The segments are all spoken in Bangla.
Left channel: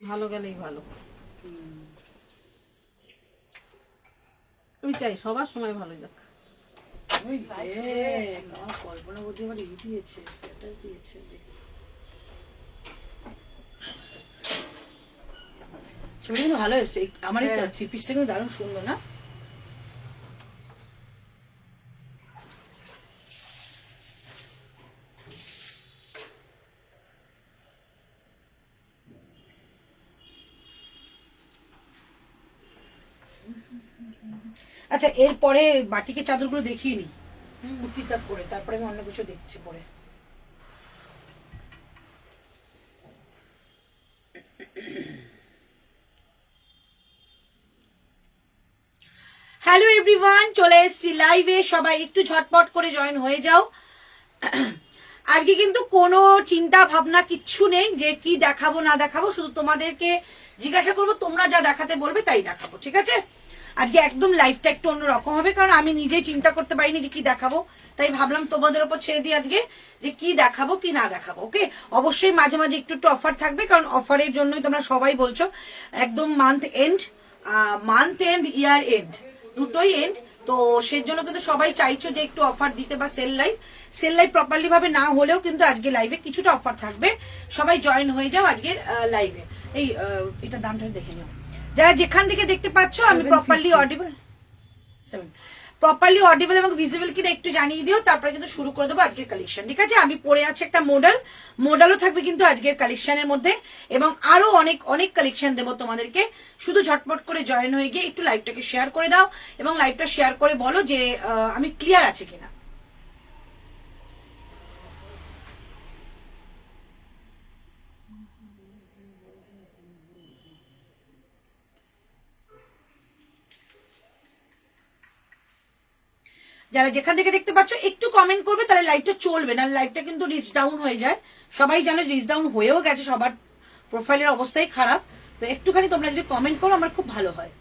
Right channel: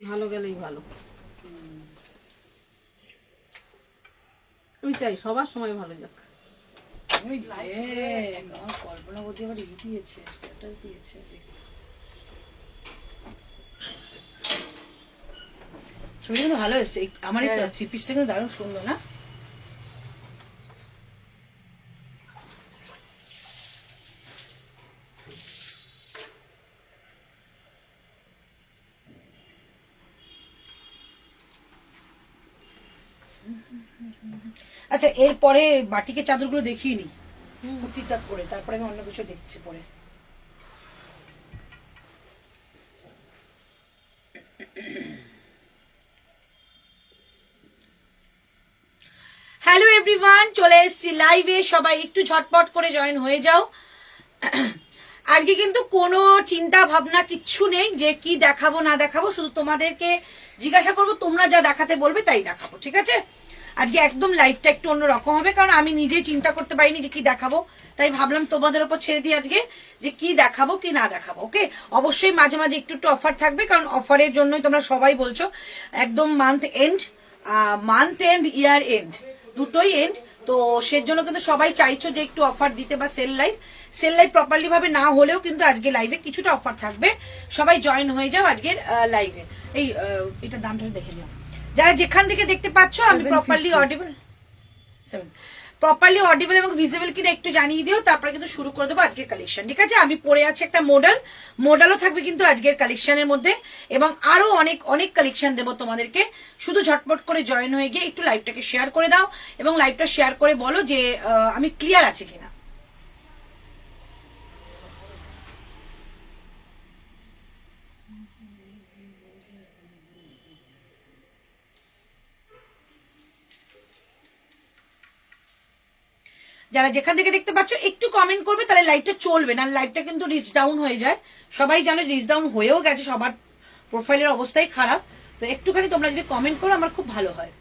ভালো গেলেই ভালো। আমি চাই সবার সময় ভালো যাক। কল্পনা বলতে আবার দিয়েছে, স্ট্যাটাস দিয়েছে। ছবি কিন্তু ভালো এসছে। আমার এই থ্রি পিসটা কিন্তু দারুণ সুন্দর না? আচ্ছা, এরপরে বাটিকের চাদরগুলো দেখিয়ে নি কুর্তিটা পরে, তারপরে আমি অন্য কিছু দেখছি পরে। হ্যালো এভরিওয়ান, চলে এসেছি লাইভে। সবাই একটু ঝটপট করে জয়েন হয়ে যাও। আজকে কিন্তু কোনো চিন্তা ভাবনা কিচ্ছু নেই যে কি দেখাবো না দেখাবো, শুধু তোমাদেরকে জিজ্ঞাসা করবো, তোমরা যা দেখাতে বলবে তাই দেখাবো, ঠিক আছে? আজকে একদম লাইফটা একটু অন্যরকম হবে, কারণ আমি নিজেই চিন্তা করতে পারিনি যে কি দেখাবো, তাই ভাবলাম তোমাদের উপর ছেড়ে দিই আজকে যে কি দেখাবো কি না দেখাবো। ওকে, অবশ্যই মাঝে মাঝে একটু একটু অফার থাকবে, কারণ অফারের জন্যই তোমরা সবাই বলছো। একদম মান্থ এন্ড ইয়ার এন্ড দুটোই এন্ড, তো সেজন্য কিন্তু সবাই চাইছো যে একটু অফার দিতে, বা সেল লাইভ প্রপারলি ভাবে না হলেও কিন্তু আজকে লাইভে কিছুটা অফার থাকবে। সবাই জয়েন হয়ে যাও আজকের লাইভে। এই এটা দামটা দেখে নাও, যারা যেখান থেকে দেখতে পাচ্ছ। আমি প্রপারলি অডিবল এবং ভিজিবল কিনা একটু জানিয়ে দিও, তারপরে কিন্তু শুরু করে দেবো আজকের কালেকশন, ঠিক আছে? আমি পরে আছি একটা মডেলও থাকবে কিন্তু আজকের কালেকশনের মধ্যে, এবং আরো অনেক অনেক কালেকশন দেবো তোমাদেরকে। শুধু ঝটপট করে জয়েন হয়ে গিয়ে একটু লাইভটাকে শেয়ার করে দাও, এবং লাইভটা শেয়ার করে বলো যে আমি ক্লিয়ার আছে কিনা। যারা যেখান থেকে দেখতে পাচ্ছ একটু কমেন্ট করবে, তাহলে লাইভটা চলবে, না লাইভটা কিন্তু রিচ ডাউন হয়ে যায়। সবাই জানে রিচ ডাউন হয়েও গেছে, সবার প্রোফাইলের অবস্থাই খারাপ। তো একটুখানি তোমরা যদি কমেন্ট করো আমার খুব ভালো হয়।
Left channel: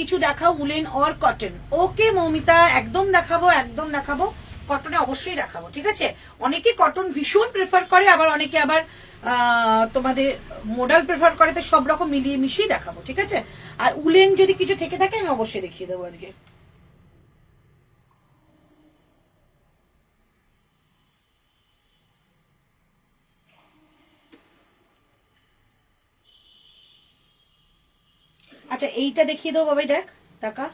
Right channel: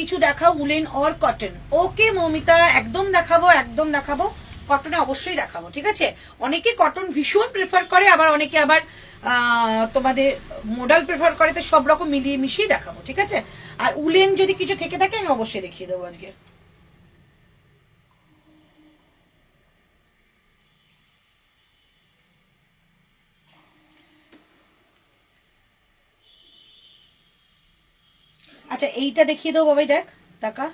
কিছু দেখাও, উলেন অর কটন। ওকে মৌমিতা, একদম দেখাবো, একদম দেখাবো। কটনে অবশ্যই দেখাবো, ঠিক আছে? অনেকে কটন ভীষণ প্রেফার করে, আবার অনেকে আবার তোমাদের মডেল প্রেফার করে, তো সব রকম মিলিয়ে মিশিয়ে দেখাবো, ঠিক আছে? আর উলেন যদি কিছু থেকে থাকে আমি অবশ্যই দেখিয়ে দেবো আজকে। আচ্ছা, এইটা দেখিয়ে দেবো বাবাই, দেখ টাকা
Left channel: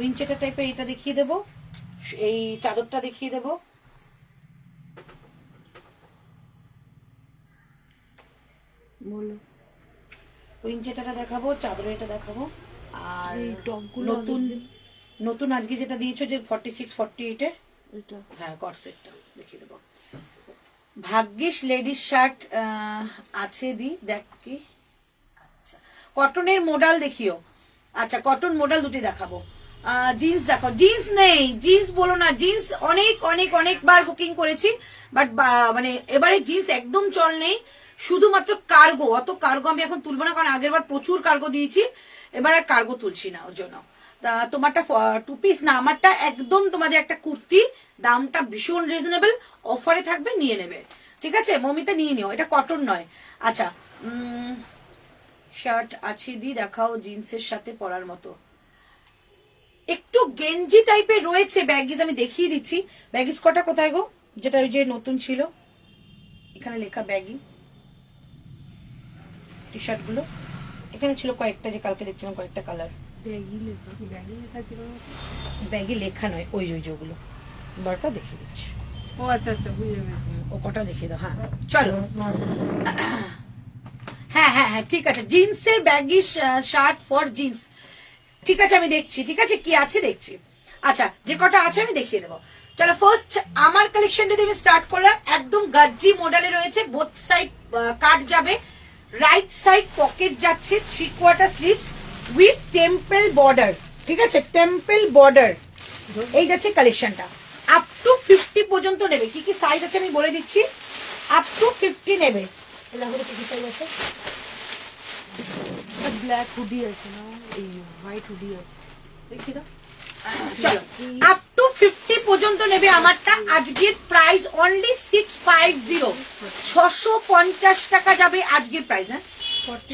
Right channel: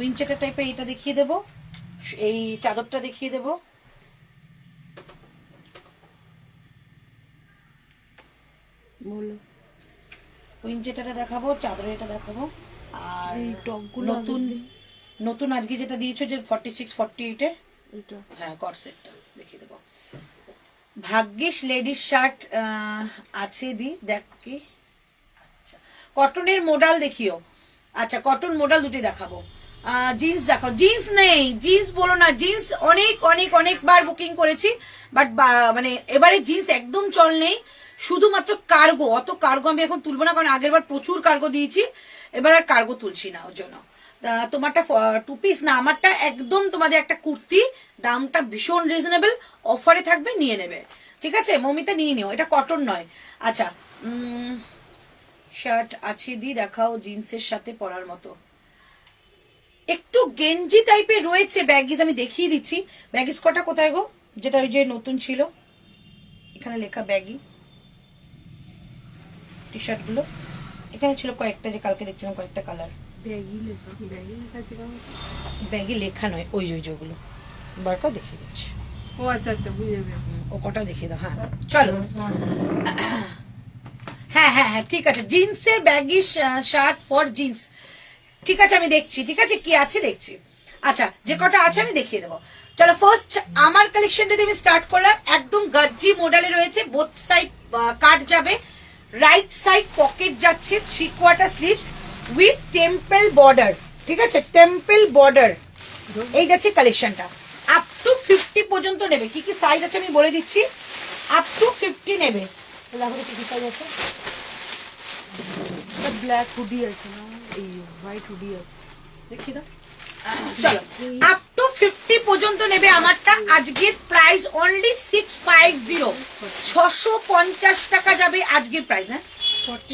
উইনচেটার টাইপের এইটা দেখিয়ে দেবো, এই চাদরটা দেখিয়ে দেবো। বলো, উইনচেটারটা দেখাবো, চাদরের এটা দেখাবো, আর এই টপগুলো নতুন নতুন আজকে যেটা দিয়েছো যে 46-48 এর, এটা হ্যাঁ কর্সেটটা দেখিয়ে দেবো। ভাগ্যিস লেডিস শার্ট আছে দি, দেখ কি। আচ্ছা, কটনের মডেল দেখিও। আচ্ছা, কটন মডেল দুটি দেখাবো। জিন্স দেখাও। জিন্স নেই, জিন্স বলো না, জিন্স অনেক অনেক অনেকবার বুকিং করেছি, বাট মানে এবারে জিন্স একদম চল নেই। শুধুমাত্র কার্গো, অত কার্গো আমি এখন তুলবো না, কারণ আগের বার প্রচুর কার্গো দিয়েছি, এবার আর কার্গো তুলছি না ওর জন্য। তোমারটা 2 পিস না, আমারটা একদম তোমাদের একটা কুর্তি, দামটা ভীষণ রিজনেবল, অফারে থাকবে, নিয়ে নেবে, ঠিক আছে? মমিতা নিয়ে নিও, এটা কটন নয়। আচ্ছা, শার্ট আছে দি, দেখাও জিন্সের সাথে পরার মতো। একটু গেঞ্জি টাইপের রয়েছে ব্যাগিস, আমি দেখিয়ে দিচ্ছি। ব্যাগিস কটা কোথায় গো, যেটা ওই যে নতুন ছিল, এখানে লেখা ব্যাগি টি শার্ট গুলো এখানে ছিল কয়েকটা, যে কালকে দেখছিলাম কয়েকটা কালার। ব্যাগি লেখা নয়, ওই ওই যেগুলো বারটা দেখিয়ে দিচ্ছি। ও আচ্ছা আচ্ছা, বুঝে গেছি। ও কটা দেখিয়ে দাও। হ্যাঁ চলো, হ্যাঁ হ্যাঁ হ্যাঁ ঠিক আছে, জিন্সের ব্যাগি শার্ট ফর জিন্স, ঠিক আছে আমি দেখছি, ঠিক আছে কি আছে দেখছি। আচ্ছা, যে কটা আছে আমি দেখিয়ে দেবো। চলো, ফার্স্ট আমার কালেকশনটা দিয়ে আমি স্টার্ট করলাম। একদম গাজ্জি মডেলে রয়েছে, বোথ সাইড কাট যাবে, রাইট সাইড পকেট যাচ্ছে, 3/4 স্লিভস উইথ টেম্পল বর্ডার, ঠিক আছে? টেম্পল বর্ডার, এই যাচ্ছে কালেকশনটা। আপ টু 50 পর্যন্ত নেবে, কি কি সাইজ আছে আমি বলে দিচ্ছি। আপ টু 50 নেবে, এই দেখো কি সাইজ আছে, ব্ল্যাক হুডি আছে না, এই হোয়াইট হুডি আছে, দেখি দাও। চলো আপ টু 50 পর্যন্ত নেবে আমারটা। আজকের প্রাইস অনলি 650, 650 টাকা যাবে আজকের প্রাইস। হ্যাঁ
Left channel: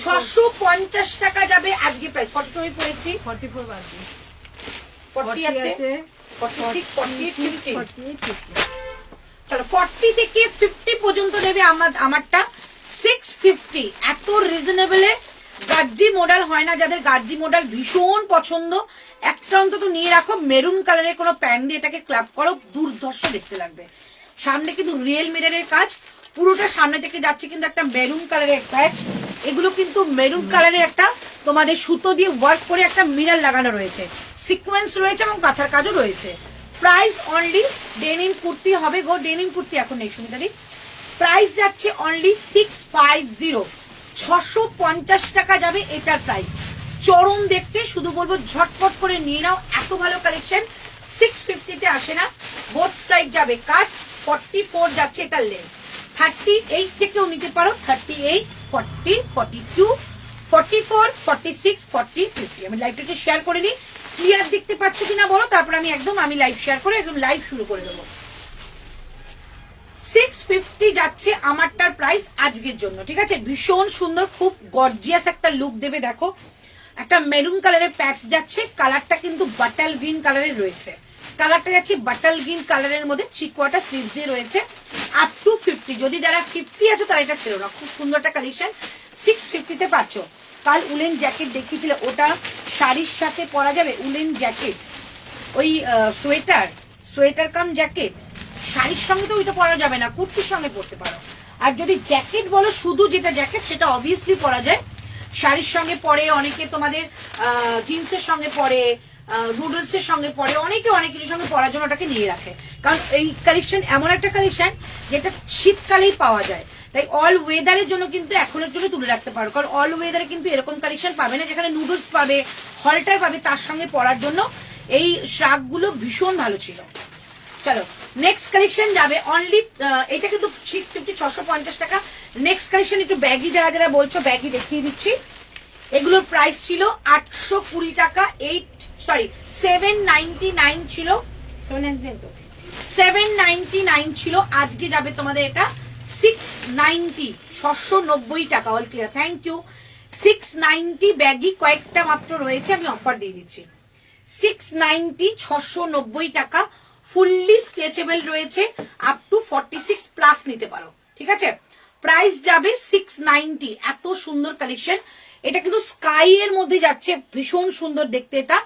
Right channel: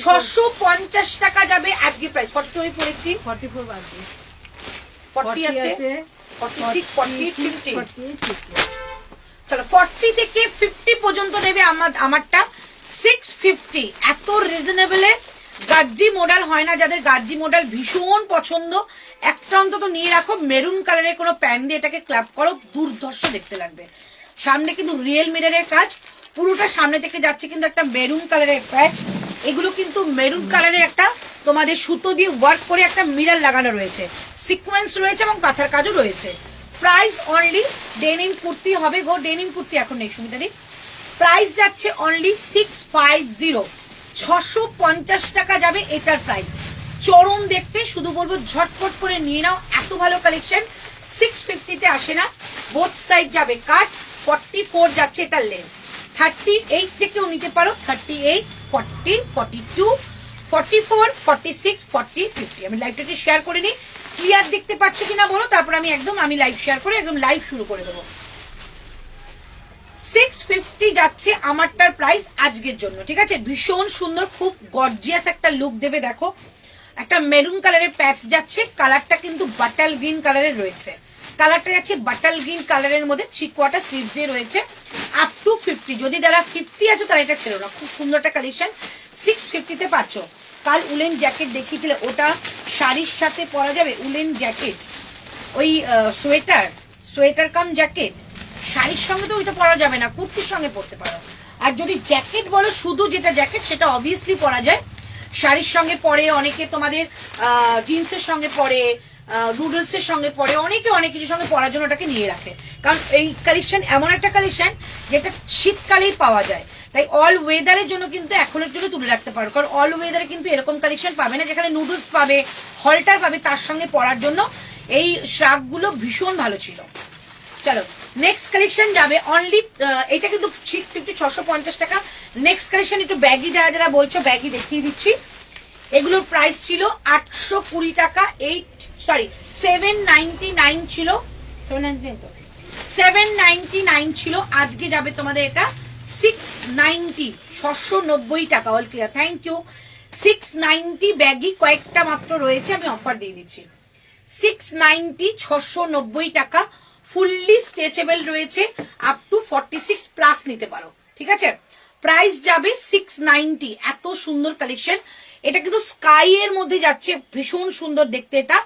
650 টাকা যাবে আজকের প্রাইস। 40 হয়ে পড়েছি, 44 বাজে, 40 আছে, 46, 48, 50। 50। চলো 40 থেকে 50 পর্যন্ত নেবে আমারটা 650। এত রিজনেবলে গার্জি মডেল হয় না, যাদের গার্জি মডেল ভীষণ পছন্দ একটা অন্তত নিয়ে রাখো। মেরুন কালারের কোনো প্যান্ট দিয়ে এটাকে ক্ল্যাপ করো, দুর্ধর্ষ দেখতে লাগবে। সামনে কিন্তু রিয়েল মিররের কাজ, পুরোটা সামনে থেকে যাচ্ছে কিন্তু একটা মেরুন কালারের প্যাচ। এগুলো কিন্তু মেরুন কালারের একটা তোমাদের সুতো দিয়ে ওয়ার্ক করে একটা মিরর লাগানো রয়েছে, সিকোয়েন্স রয়েছে এবং কাঁথার কাজও রয়েছে। প্রাইস অনলি, ডেনিম কুর্তি হবে গো, ডেনিম কুর্তি এখন নেই সুমিতাদি। প্রাইস যাচ্ছে অনলি 650, 650 টাকা যাবে এটার প্রাইস। চরম দেখতে, শুধু বলবো ঝটপট করে নিয়ে নাও, এত ভালো কালেকশন 650 তে আসে না। বোথ সাইড যাবে কাট, 44 যাচ্ছে এটা লেন্থ, 38 থেকেও নিতে পারো, 38, 40, 42, 44, 46, 40, 50। আমি লাইভটাকে শেয়ার করে নিই, ক্লিয়ার দেখতে পাচ্ছ কিনা বলো, তারপর আমি লাইভ শেয়ার করে একদম লাইভ শুরু করে দেবো। 650 যাচ্ছে আমারটার প্রাইস আজকের জন্য, ঠিক আছে। ভীষণ সুন্দর, খুব গর্জিয়াস একটা লুক দেবে। দেখো একটা মেরুন কালারের প্যাচ যাচ্ছে, কালারটা কিন্তু বাটাল গ্রিন কালারের রয়েছে, কালারটা যাচ্ছে বাটাল গ্রিন কালারের মধ্যে, 3/4 স্লিভ দিয়ে রয়েছে। আপ টু 50, যদি যারা 50 আছে তারা এটা ছিল না, খুব সুন্দর একটা কালেকশন 650 তে পাচ্ছ। কাল উলেন জ্যাকেট দেখিয়েছিল, ওটা শাড়ির সাথে পরা যাবে। উলেন জ্যাকেট, ওই সোয়েটার কাম জ্যাকেট, শাড়ির সঙ্গে তো ওইটা পরা যাবে না, কুর্তির সঙ্গে পরতে পারো। আর যদি জ্যাকেট বলো, শুধু যেটা জ্যাকেট সেটা অবভিয়াসলি পরা যায়, শাড়ির সঙ্গে পরে, অনেকে তোমাদের জিন্সের সঙ্গে পরে, নুডলস এর সঙ্গে পরে, অনেকে অনেক কিছুর সঙ্গে পরার জন্য ওটাকে নিয়ে রাখে। কারণ এই কালেকশন এমন একটা কালেকশন যেটা শীতকালেই পাওয়া যায়, তাই অল ওয়েদারের জন্য কিন্তু এখনের জন্য তুলে রাখতে পারো। কারণ অল ওয়েদারে কিন্তু এরকম কালেকশন পাবে না, যেখানে নুডলস পাবে, হলটার পাবে, তার সঙ্গে পরার জন্য এই শ্রাগগুলো ভীষণ ভালো ছিল। চলো নেক্সট কালেকশন যাবে অনলি, এটা কিন্তু 650, 650 টাকা। নেক্সট কালেকশন একটু ব্যাগি, যারা যারা বলছো ব্যাগি দেখিয়ে দিচ্ছি। এগুলোর প্রাইস ছিল 820 টাকা, 799 ছিল, 799 ছিল। আজকে যাবে তোমাদের এটা 690, 690 টাকা। All clear, thank you. 690 baggy কয়েকটা মাত্র রয়েছে, আমি অফার দিয়ে দিচ্ছি। 690, 690 টাকা, ফুললি স্ট্রেচেবল রয়েছে, আপ টু 46 প্লাস নিতে পারো, ঠিক আছে। প্রাইস যাবে 690, এত সুন্দর কালেকশন। এটা কিন্তু স্কাই এর মধ্যে যাচ্ছে, ভীষণ সুন্দর দেখতে এটা।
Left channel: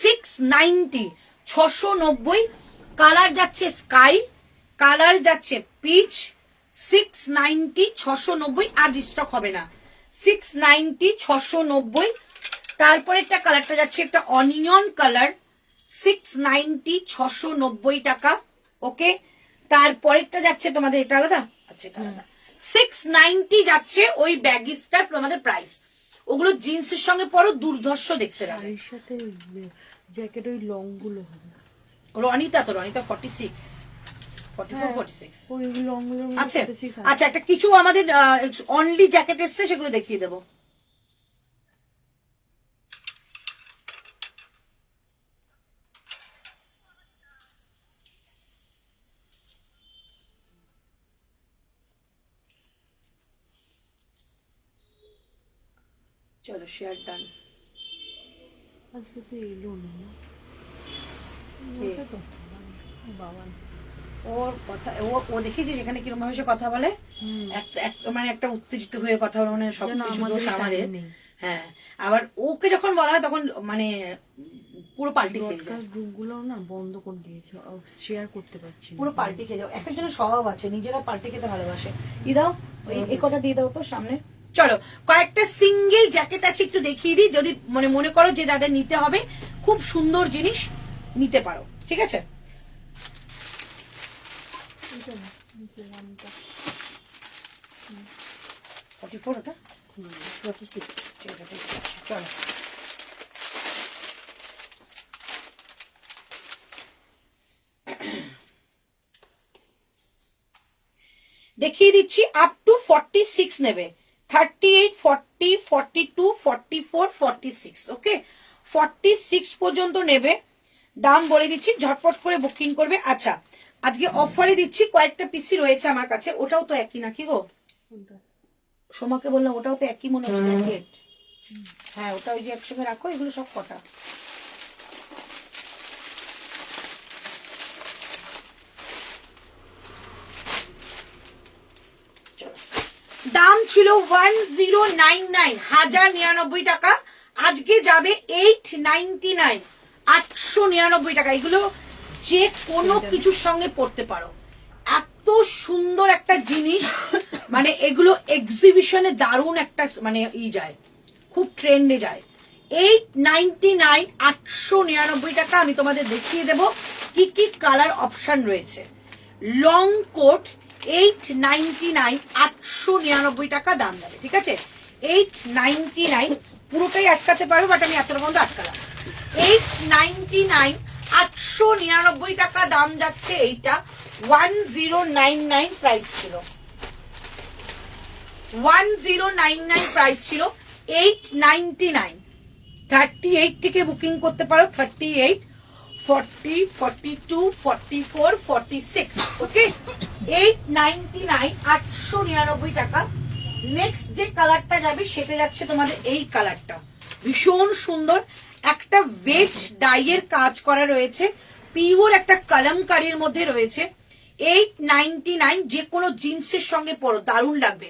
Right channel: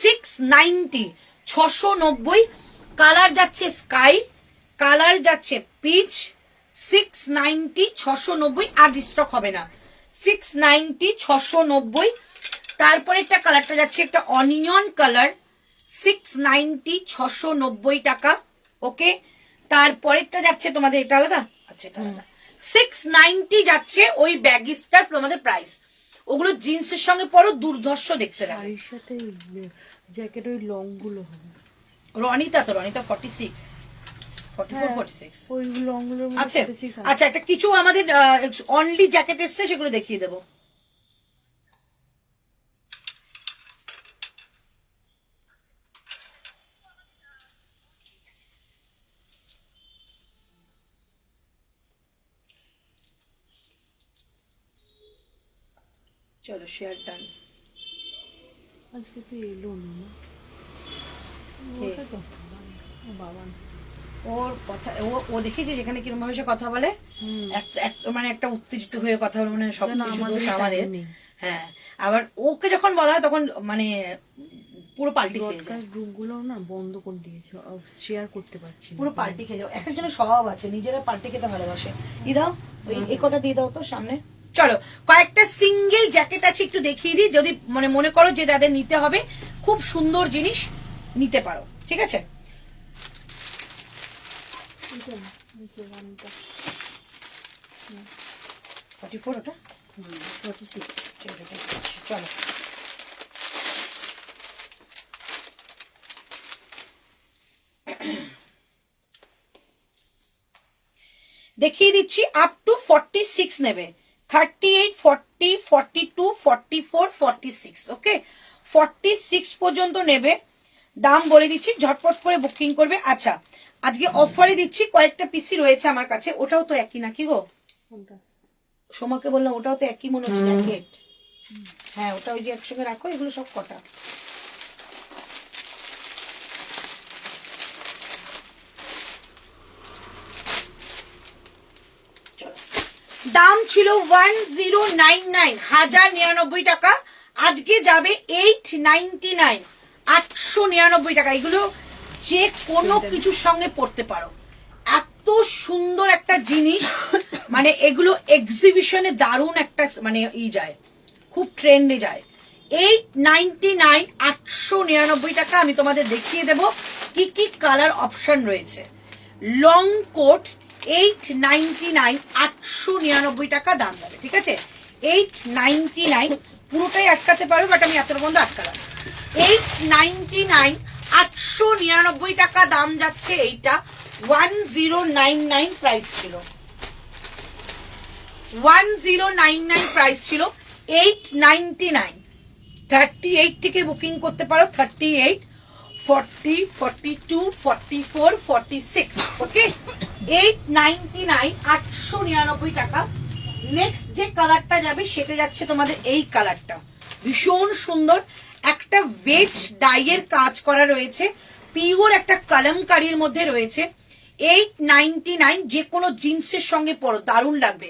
690, 690, কালার যাচ্ছে স্কাই, কালার যাচ্ছে পিচ। 690, 690, আর রিস্টক হবে না। 690, 690। তারপরে একটা কালারটা যাচ্ছে একটা অনিয়ন কালার, 690, 690 টাকা। ওকে, তারপরেরটা যাচ্ছে তোমাদের এটা আলাদা, আচ্ছা এটা আলাদা, 690 যাচ্ছে ওই ব্যাগিসটার তোমাদের প্রাইস। ওগুলো জিন্সের সঙ্গে পরো, দুর্ধর্ষ দেখতে লাগে। এর সাথে জ্যাকেট ওই লং গুলো হবে। রনিতা 46, 44, 46 ওই লং গুলো আচ্ছা। আচ্ছা একটা কিছু আমাদের অনলি জ্যাকেট এসছে, সেগুলো দেখিয়ে দেবো। চলো শেয়ার ডান। আজকে তো এলো না, কে? তো বাবা ওর কথা, ও দেখেছি যেখানে কিরকম ভাবে সে কথা বলে, মানে একটা উত্তেজিত হয়ে কথা বলে, মানে সবকিছু দোষ আমাদের। হ্যাঁ, আবার ওকে যখন বলা হয় তখন মানে পুরো পাল্টি খেয়ে যায়। গ্রুপ গুলো না বন্ধ করে দিয়েছে, শেয়ার করতে পারছি না, পুরো পাল্টি খেয়ে যাও। এক একজনের স্বভাব আছে, নিজেরা পাল্টি খেতে ভালোবাসে। দাও এই কটা দিয়ে দাও তো সামনে। চলো কয়েকটা সিঙ্গেল জ্যাকেট আছে, একটু দেখিয়ে দিই, যদি মানে মনে করো যে তাদের নিতে হবে, খুব সুন্দর জিনিস নিতে পারো, ঠিক আছে। 44 ওটা, 46। ঠিক আছে, চলো। দেখিয়ে দিচ্ছি আপ টু 46 নেবে, 38, 40, 42, 44, 46, ওকে 46 পর্যন্ত নেবে। দাম বলে দিচ্ছি, ঝটপট করে বুকিং করবে। আচ্ছা আজকে অফারে দিচ্ছি, কয়েকটা পিসি রয়েছে আমার কাছে, ওটাও তো একই নাকি গো? সোমাকে বললাম ওটাও তো একই মনে হচ্ছে জ্যাকেট। হ্যাঁ ওটা ওই যে একসঙ্গে রাখো, এগুলো সব কটা। দাম ছিল 1099, 1099 টাকা, আজকে যাবে 899, 899 টাকা। এগুলো যে কোনো কিছুর সঙ্গে পড়তে পারো, এত সুন্দর একটা জিনিস, মানে এগুলো এক্সিবিশনে দারুণ একটা মানে যায়, খুব ট্রেন্ডে যায়। 899, 899 টাকা। আমি তোমাদের দেখিয়ে দেব কি কি কালার অপশন রয়েছে। লং কোট 899, 899 টাকা দাম যাবে, ঠিক আছে 899, পুরোটাই আটকাতে পারো বাট আমি এতটা বন্ধ আটকালাম। 899, 899 টাকা দাম যাচ্ছে এইটা। 1099 প্রাইস ছিল, 1099 প্রাইস ছিল, 899। 38 থেকে বুকিং করতে পারো, 38, 40, 42, 44, 46, ওকে 899, 899 টাকা। নেক্সট যে কালারটা যাবে সেটা যাচ্ছে তোমাদের এই কালারটা, ভীষণ সুন্দর একটা ভেজ ডাইয়ের কাজ করা রয়েছে, পিওর একটা কলমকারীর মধ্যে রয়েছে। 899, যে কোনো জিন্সের সঙ্গে পরো দারুণ লাগবে।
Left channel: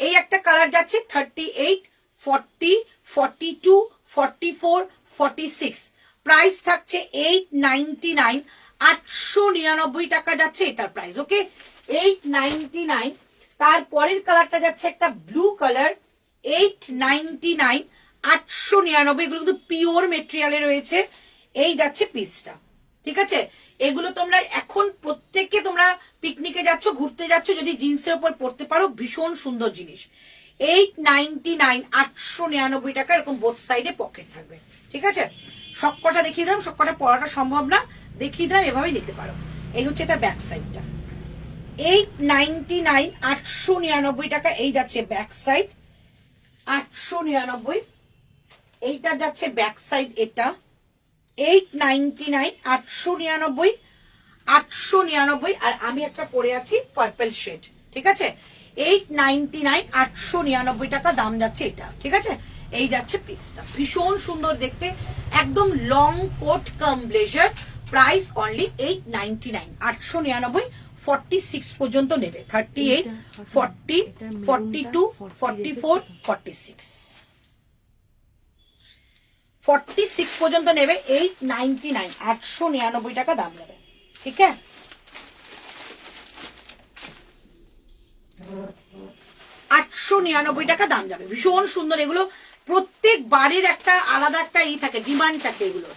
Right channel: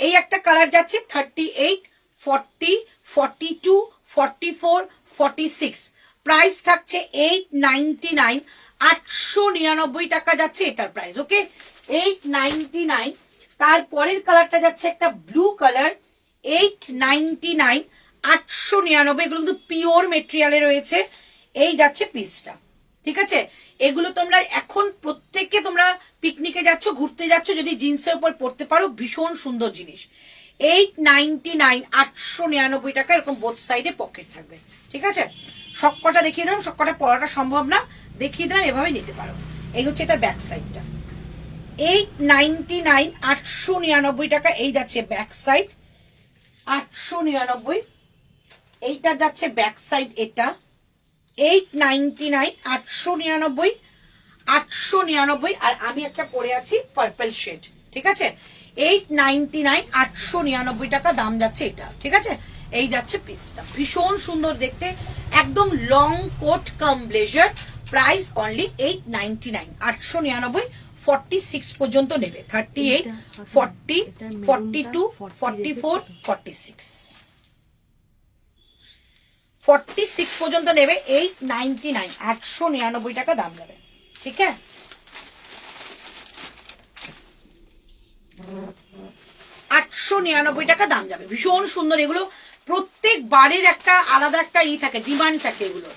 এই একটা কালার যাচ্ছে 38, 40, 42, 44, 46, প্রাইস থাকছে 899, 899 টাকা যাচ্ছে এটার প্রাইস, ওকে 899। তারপরের কালারটা যাচ্ছে একটা ব্লু কালার, 899, 899, এগুলো কিন্তু পিওর মেটেরিয়ালে রয়েছে। এই যাচ্ছে পিসটা, ঠিক আছে। এগুলো তোমরা এখন প্রত্যেককে তোমরা পিকনিকে যাচ্ছ, ঘুরতে যাচ্ছ, যদি জিন্সের উপর পরতে পারো ভীষণ সুন্দর জিনিস। 899, 899 টাকা, এরকম বোথ সাইডে পকেট থাকবে, ঠিক আছে। সবকটা দেখিয়ে দিলাম, সবকটা পরাটা সম্ভব না, দেখিয়ে দিলাম, এভাবে নিতে পারো। এই হচ্ছে এটা ব্যাক সাইডটা, 899, 899 টাকা। এই যাচ্ছে ব্যাক সাইড 899, এইটা যাচ্ছে ব্যাক সাইড এটা 899, 899, 899। আর আমি একটা পরে আছি পার্পল শেড, ঠিক আছে 899, 899 টাকা দাম যাচ্ছে এটা, ঠিক আছে। এই যাচ্ছে পিসটা, ভীষণ সুন্দর দেখতে, একদম লং কোট কাম ব্লেজার, প্রাইস অনলি 899, 899, 46 পর্যন্ত নেবে, 38, 40, 42, 44, 46, 46 পর্যন্ত নেবে। 899, 899 টাকা দাম নেবে, ঠিক আছে। 899 টাকা দাম যাবে, ভীষণ সুন্দর। এগুলো প্রত্যেক বাড়ির একটা আলাদা একটা থাকে, ডিমান্ড থাকে এগুলোর।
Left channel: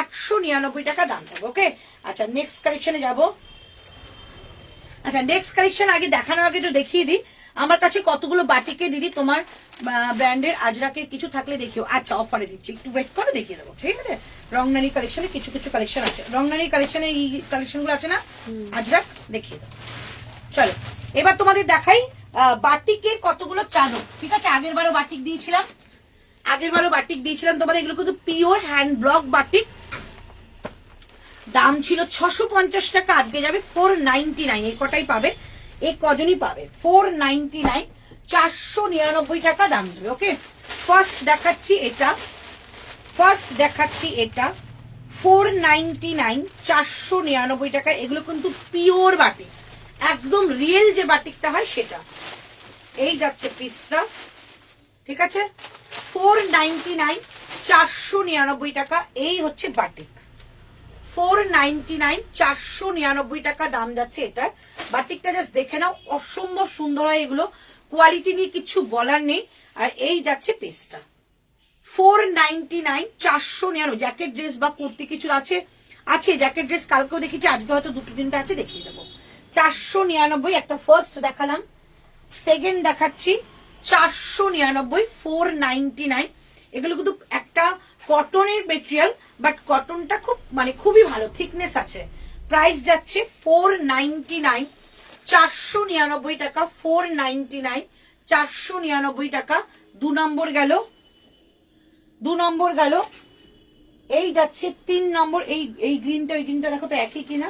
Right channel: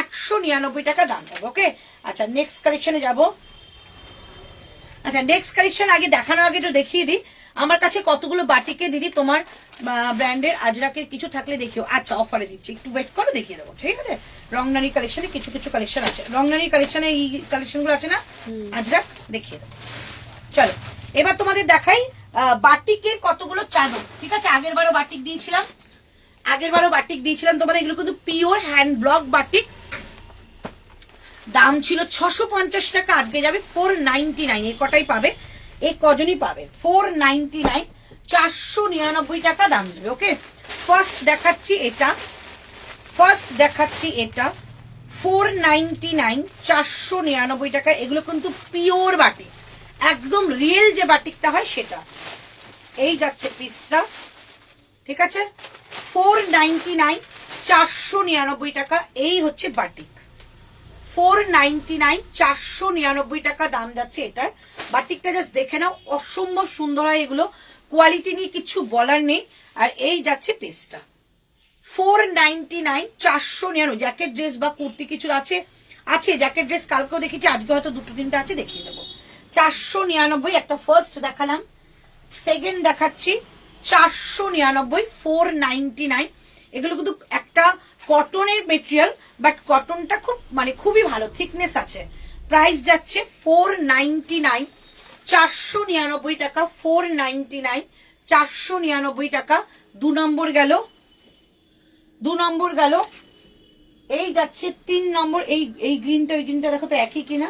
899 টাকা দাম যাবে, ওকে। আচ্ছা নেক্সট কালেকশনে যাব। আচ্ছা নেক্সট কালেকশন আগে দেখানোর আগে একটু দেখিয়ে দিই আমার কাছে কতগুলো বাটিকের দিদি তোমার ব্র্যান্ডের আজরাকের কিছু থাকলে দেখিও। আচ্ছা অফারে দিচ্ছি, একটু ওয়েট করে দেখিয়ে দেবো, ঠিক আছে। রংনারী কালেকশনে কিছু কিছু কালেকশন আছে, রংনারী কালেকশনে এই কালেকশন গুলো আছে না, আজরাক দেখিয়ে দেবো। চলো এবার তোমাদের দেখাই বাটিকের কতগুলো চাদর, ঠিক আছে। আগের বারও বাটিক দিয়েছিলাম, তোমাদের এগুলো কিন্তু পিওর হ্যান্ড ব্লক বাটিক, দাম ছিল 650 টাকা, আজকে যাবে 499, এই কটাই পাবে, এই কজনই পাবে 499, 499 টাকা দাম দেবে, ওকে। ফার্স্ট দেখাচ্ছি এটা 499, 499 টাকা। এগুলো কিন্তু পিওর বাটিক, একদম রিয়েল যে বাটিকটা হয় সেটা। এই যাচ্ছে পিসটা, ঠিক আছে 499, 499 টাকা। এই হচ্ছে বাটিক 499, 499 টাকা দাম যাচ্ছে এটার। বাটিকটা জাস্ট দেখে নাও, অসম্ভব সুন্দর হয় এগুলো, কোয়ালিটি নিয়ে কিছু বলার নেই। আর এই যাচ্ছে পিসটা 499, 499। জ্যাকেট ড্রেস বা কুর্তি কিছু আছে, জ্যাকেট ড্রেস কালকেও দেখেছি, আজকে হয়তো দুটো তিনটা আছে, দেখিয়ে দেবো। 499 একটা ফার্স্ট দেখালাম, সেকেন্ড দেখাচ্ছি 499, 499। এগুলো কিন্তু একটা কটনের মেটেরিয়াল, বাট কটনটা খুব মানে খুবই ভালো থিকনেস আছে। প্রাইস যাচ্ছে 499, 499 টাকা, 499, 499 টাকা। 2 নম্বর গেল, 2 নম্বর গেল। এই যাচ্ছে 3 নম্বর। এই গ্রিনটা ওই গ্রিনটা দেখো তো একই কিনা।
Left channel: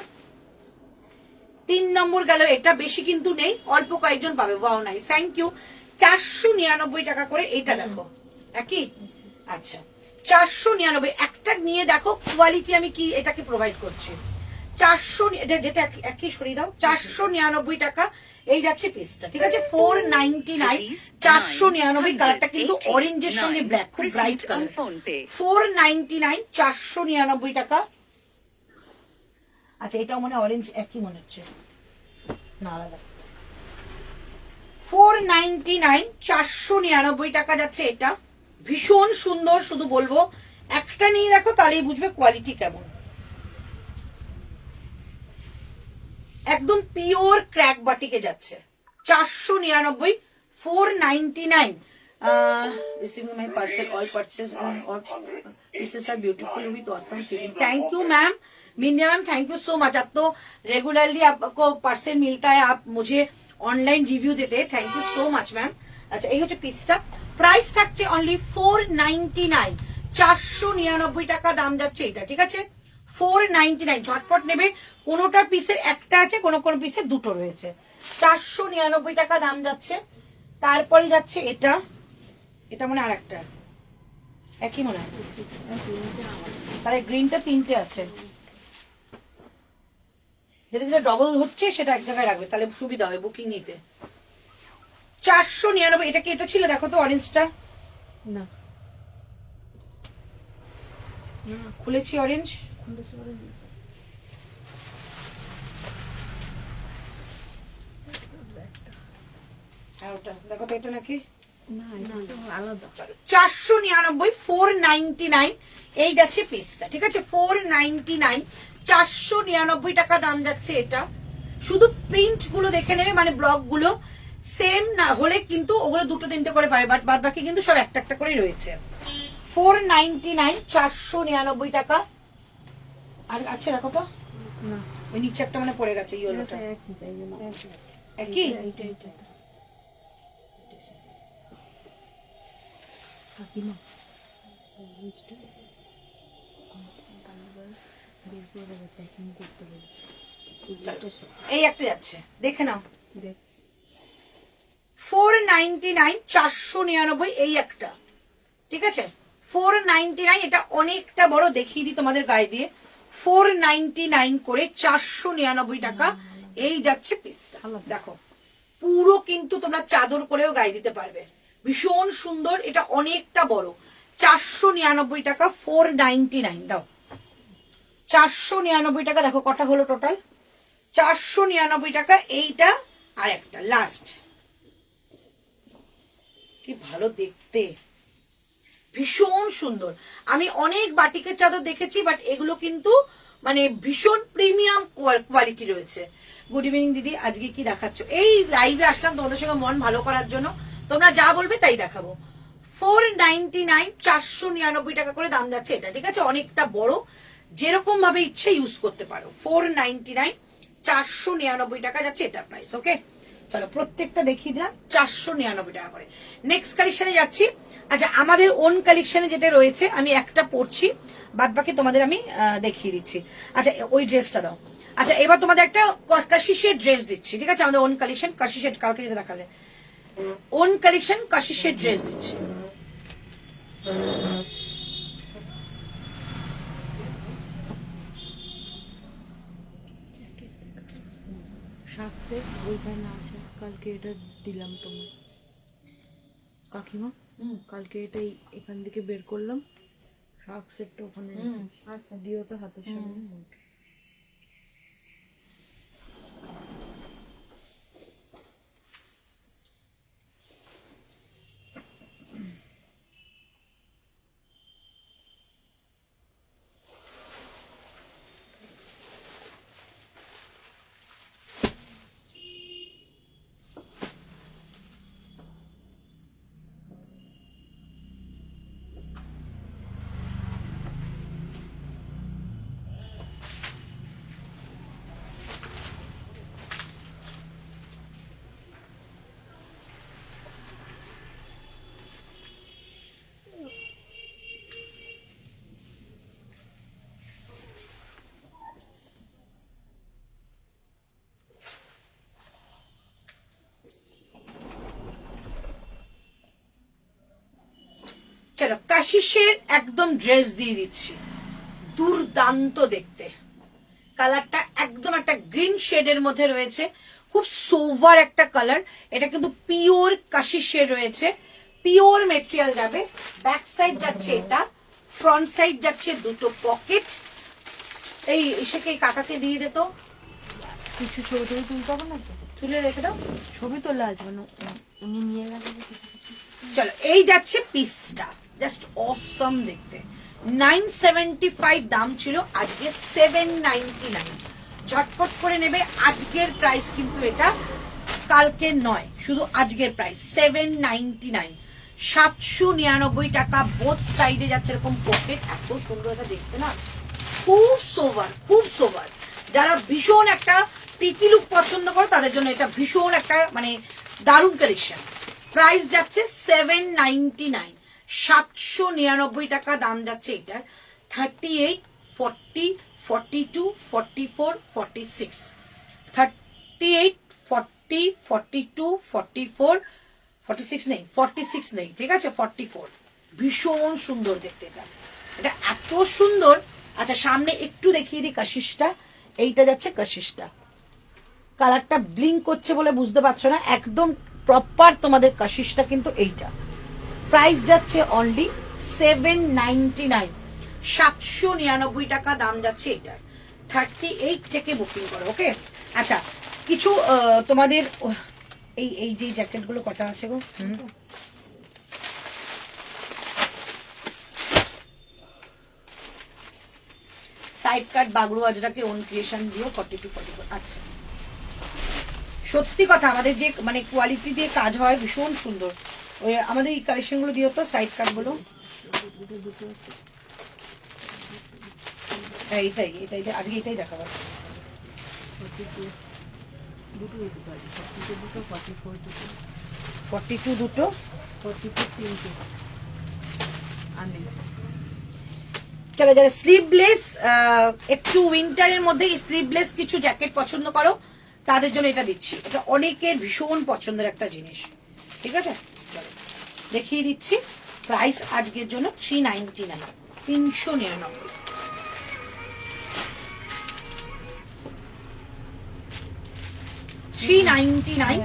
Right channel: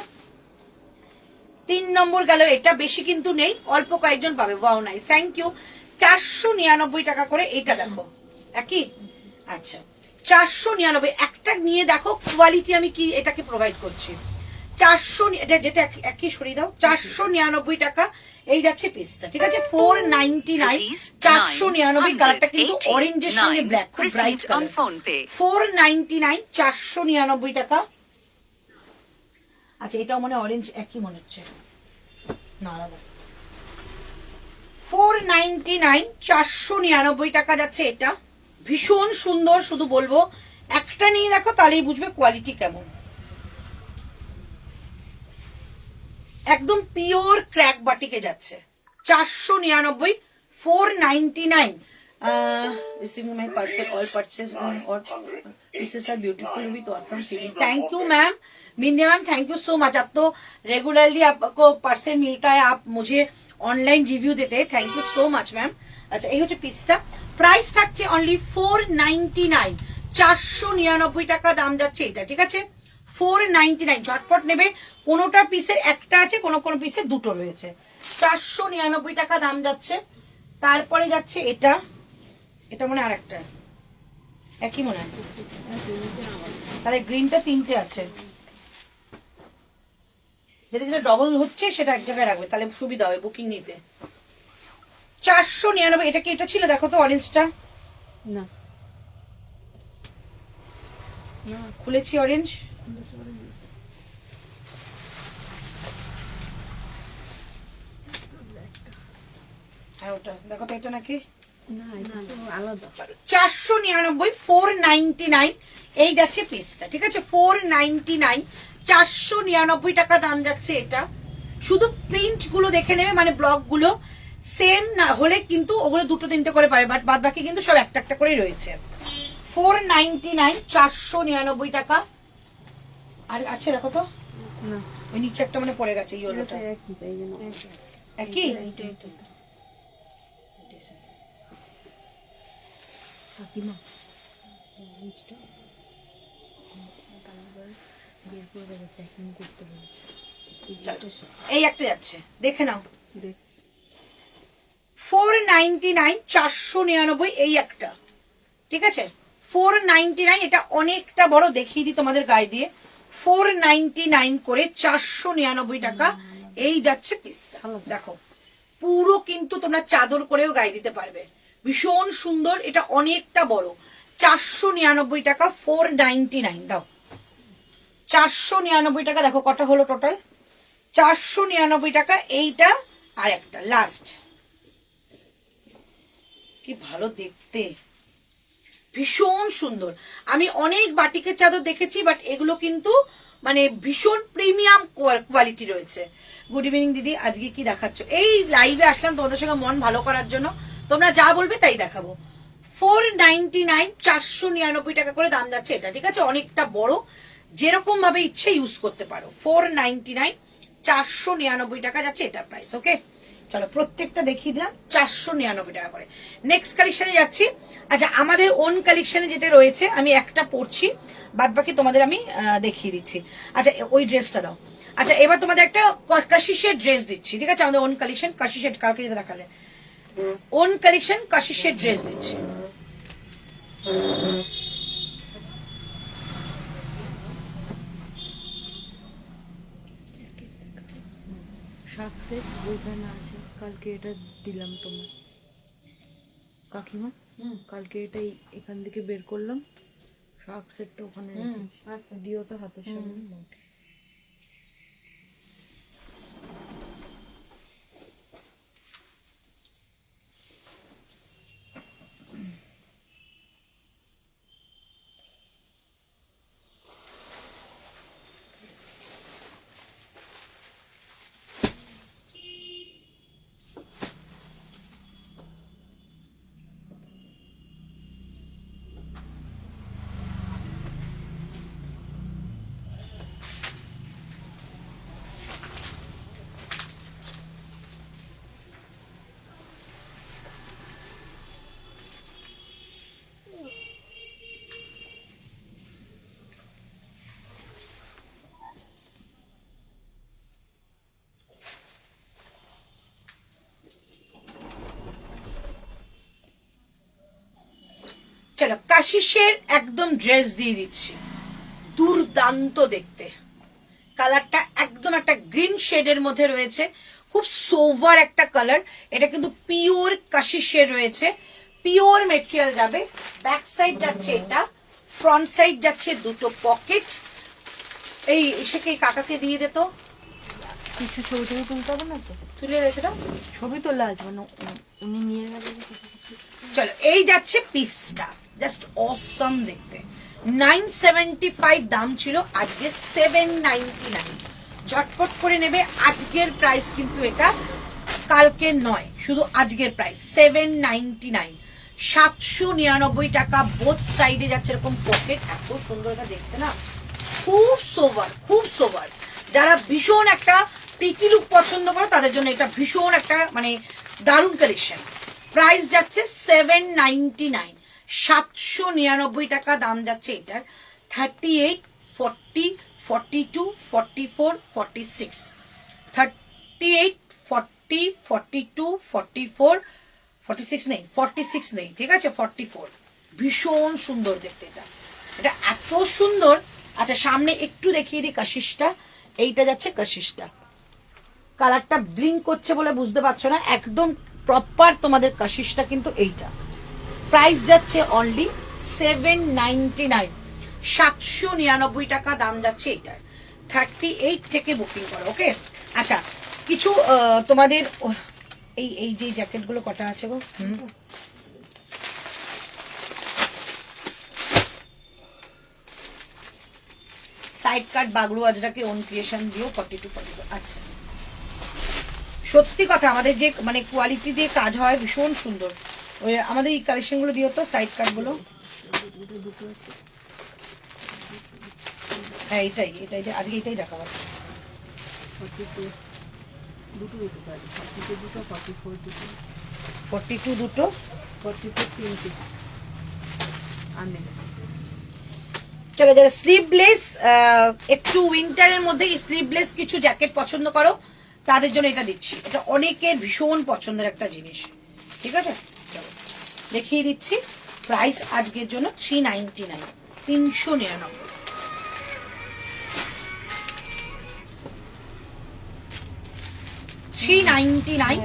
3 নম্বর গেল, এটা বেশি কিন্তু নেই, অল্প কয়েকজন পাবে। Wow nice, thank you. 499 টাকা করে। এইটা দেখো একই। আচ্ছা 499, একটা নিয়ে দেখো কোয়ালিটি আমি কি এটাকে প্রোভাইড করছি। 400, যেটা একই সরিয়ে দাও। 499 টাকা এই যাচ্ছে পিসটা, ঠিক আছে। 499, 499। কালারটা কিন্তু অরেঞ্জের সঙ্গে ব্ল্যাক, খুব ব্রাইট কালার। 499, 499 টাকা। আচ্ছা এটাও মনে অরেঞ্জ একই মনে হচ্ছে না, আলাদা। 499, 499 টাকা যাচ্ছে এটা। ভীষণ সুন্দর, শুধু বলবো একটা নিয়ে দেখো তাহলেই বুঝবে কোয়ালিটি কেমন। একদম পিওর ক্র্যাক বাটিকে যাচ্ছে। 499, 499। Receiving my parcel, all purchase on all pieces are beautiful with awesome feelings. Thank you ma'am, मिन्या ma'am, thank you so much. आप तो रेगुलरली आपको पार्सल मिलता है, आप मुझे ऑनलाइन रिव्यू देते हैं, thank you so much ma'am. আচ্ছা এই হচ্ছে পিসটা, প্রাইস থাকছে অনলি 499, 499 টাকা দাম যাচ্ছে এটা, ঠিক আছে। 499, ঝটপট নেবে। কোনোটা পিসের একটা আছে, কোনো কোনো পিসে দুটো রয়েছে। 499 টাকা দাম যাচ্ছে। তারপরে যাচ্ছে এটা, এটা মনে আর একটা একই মনে হয়, তাহলে গ্রিনটা 3টে আছে। যেটা যেটা ডবল হচ্ছে সেটা এক জায়গায় রাখবে, তাহলে সুবিধা হবে বুকিং নিতে। 499। এটা কি এটা ছিল দেখো তো অরেঞ্জটা, না খুলেছি অরেঞ্জ। হ্যাঁ ওটা দেখো তো, এটা নাকি আলাদা। 499, 499 এই যাচ্ছে পিসটা, ঠিক আছে। 499, 499 টাকা দাম যাচ্ছে এটা। শুধু প্রিন্ট গুলো দেখে নেবে, মানে ব্লক গুলো সেম না হলে কিন্তু ওগুলো 2-3টে করে পাবে, বাট বাদ বাকি কিন্তু সব একটা একটা করে রয়েছে। 499, 499 টাকা। আর আচ্ছা দেখো তো, না ওই নিচে একটা মানে পড়ে গেছে ইয়েলোটা, একই। এই একটা যাচ্ছে, দেখে নাও। 499, 499 এই একটা, ঠিক আছে। 499, এটা অনেকটা বড়, দেখিয়ে দিই তোমাদের গায়ে দিয়ে। 499 করে 499 টাকা এই যাচ্ছে পিসটা। দেখো পুরো কিন্তু তোমরা চাদর করেও গায়ে দিতে পারবে, ভীষণ সুন্দর। এটা অনেকটা বড়। 499 টাকা, 499 দাও। 499 টাকা। দেখো কটা হলো টোটাল, 499 টাকা এইটা। আর একটা লাস্ট, কি ভালো দেখতে, ভীষণ সুন্দর। আমি অনেক বাটিকের চাদর দেখেছি, বাট এগুলো কিন্তু মানে ভীষণ প্রিমিয়াম কোয়ালিটি রয়েছে। গুড ইভিনিং দিদি, আজকে কি দেখাচ্ছ? এই লাইভে আসলাম তোমাদের সঙ্গে মন ভালো করার জন্য, তোমরা যা বলবে তাই দেখাবো। 499, 499 টাকা করে দাম যাচ্ছে এটা, ঠিক আছে। অনেকটা বড়, যেরকম ভাবে ইচ্ছে ইউজ করতে পারো। 499, 499 টাকা যাচ্ছে এটা প্রাইস। ওকে চলো প্রত্যেকটা দেখিয়ে দিলাম 499 টাকা করে। নেক্সট কালেকশনে যাচ্ছি। আচ্ছা আমাদের ওন কালেকশনে যেটা রয়েছে আমি একটা পরছি, বাদ বাকি তোমাদের আমি দেখিয়ে দিচ্ছি। আচ্ছা ওই ড্রেসটা দাও। আচ্ছা এবার তোমাদের একটা কাশিশের ড্রেস দিচ্ছি, ঠিক আছে। আমাদের ওন কালেকশন কাশিশের, কালকে যেটা দেখালে ওন কালেকশন কাশিশের ড্রেস দিচ্ছি। শার্ট সেট ওইখানে আছে, কালকে এটা দিলাম তোমার কাকিমা। কালকে এটাই এখান থেকে বের করলাম, শার্ট সেটটা ওখানে রেখেছি। আচ্ছা দিও তো হাতের সামনে। চলো কাশিসের একদম ড্রেস দিয়ে দিচ্ছি, দুর্দান্ত দেখতে। কালারটা একদম একটা গ্রিন শেডের মধ্যে রয়েছে, খুব সোভার একটা কালার। এটা কিন্তু পিওর কাশিসের রয়েছে, পিওর মেটেরিয়াল যাবে। ব্যাক সাইড যাচ্ছে এটা, ফ্রন্ট সাইড যাচ্ছে দুটো পকেট। এই এসেকে কাকাকে দিয়ে দিত, কিছু ছবি টবি তুলতে হবে না তো? তুলে রেখে দাও, ছবি তোলা আছে মানে উনি নিয়ে গেলে। চলো এই যাচ্ছে পিসটা, জাস্ট অসম দেখতে। 975 দাম ছিল, আজকে 799। ঝটপট করে নেবে, আজকের প্রাইস কিন্তু এটা, কালকে নয়, শুধু আজকের প্রাইস 799। 799 টাকা। বোথ সাইডে যাচ্ছে এরকম পকেট, এত সুন্দর এটা দেখতে না, খুব সোভার, খুব সোভার। যারা ভীষণ একটা পিটি লুক পছন্দ করো তাদের জন্য এটা ভীষণ একটা মানে দারুণ কালেকশন। প্রাইস যাচ্ছে 799, 799 টাকা দাম যাচ্ছে এটার। 38, 40, 42, 44, 46, 38, 40, 42, 44, 46 নেই, 46 নেই, ঠিক আছে, 44। ভীষণ সুন্দর দেখতে এটা, এটা এত সুন্দর। আচ্ছা সামনে একটু দেখিয়ে দিই কাশিসটা, এইটা যাচ্ছে কাশিসটা। কালারটা ব্লিঙ্ক করছে বলে বুঝতে পারছো না, একদম প্রপার তোমাদের কাশিসটা কিন্তু এইটা। প্রাইস যাচ্ছে অনলি 799, 799 টাকা দাম যাচ্ছে এটার। 38 থেকে বুকিং করো, ওকে। আচ্ছা কিছু তোমাদের এই এই যে জ্যাকেটগুলো কটা আছে গো? সাইড কাট বাগড়ু আজরাকে ওন ক্রিয়েশন দিও 42, 44। আচ্ছা সত্যি কথা, আমাদের যে মানে কোয়ালিটি দিয়ে কাজ হয় ভীষণ সুন্দর। ওই আমাদের এই কালেকশন গুলো দিও তো, সাইড কাট গুলো। হ্যাঁ এটাই এটাই আজকে এটাই দেখাবো। 42 দুটো, 44 তিনটে। আমি চলো যারা স্লিভলেস, একটু উইন্টারের মধ্যে স্লিভলেস কিছু জ্যাকেট পছন্দ করো তাদের জন্য এটা দিচ্ছি। এটা অনেকের ভীষণ পছন্দের একটা জিনিস, ঠিক আছে। চলো দেখিয়ে দিচ্ছি, প্রাইস আজকের জন্য 399, 399। ঠিক আছে। 399।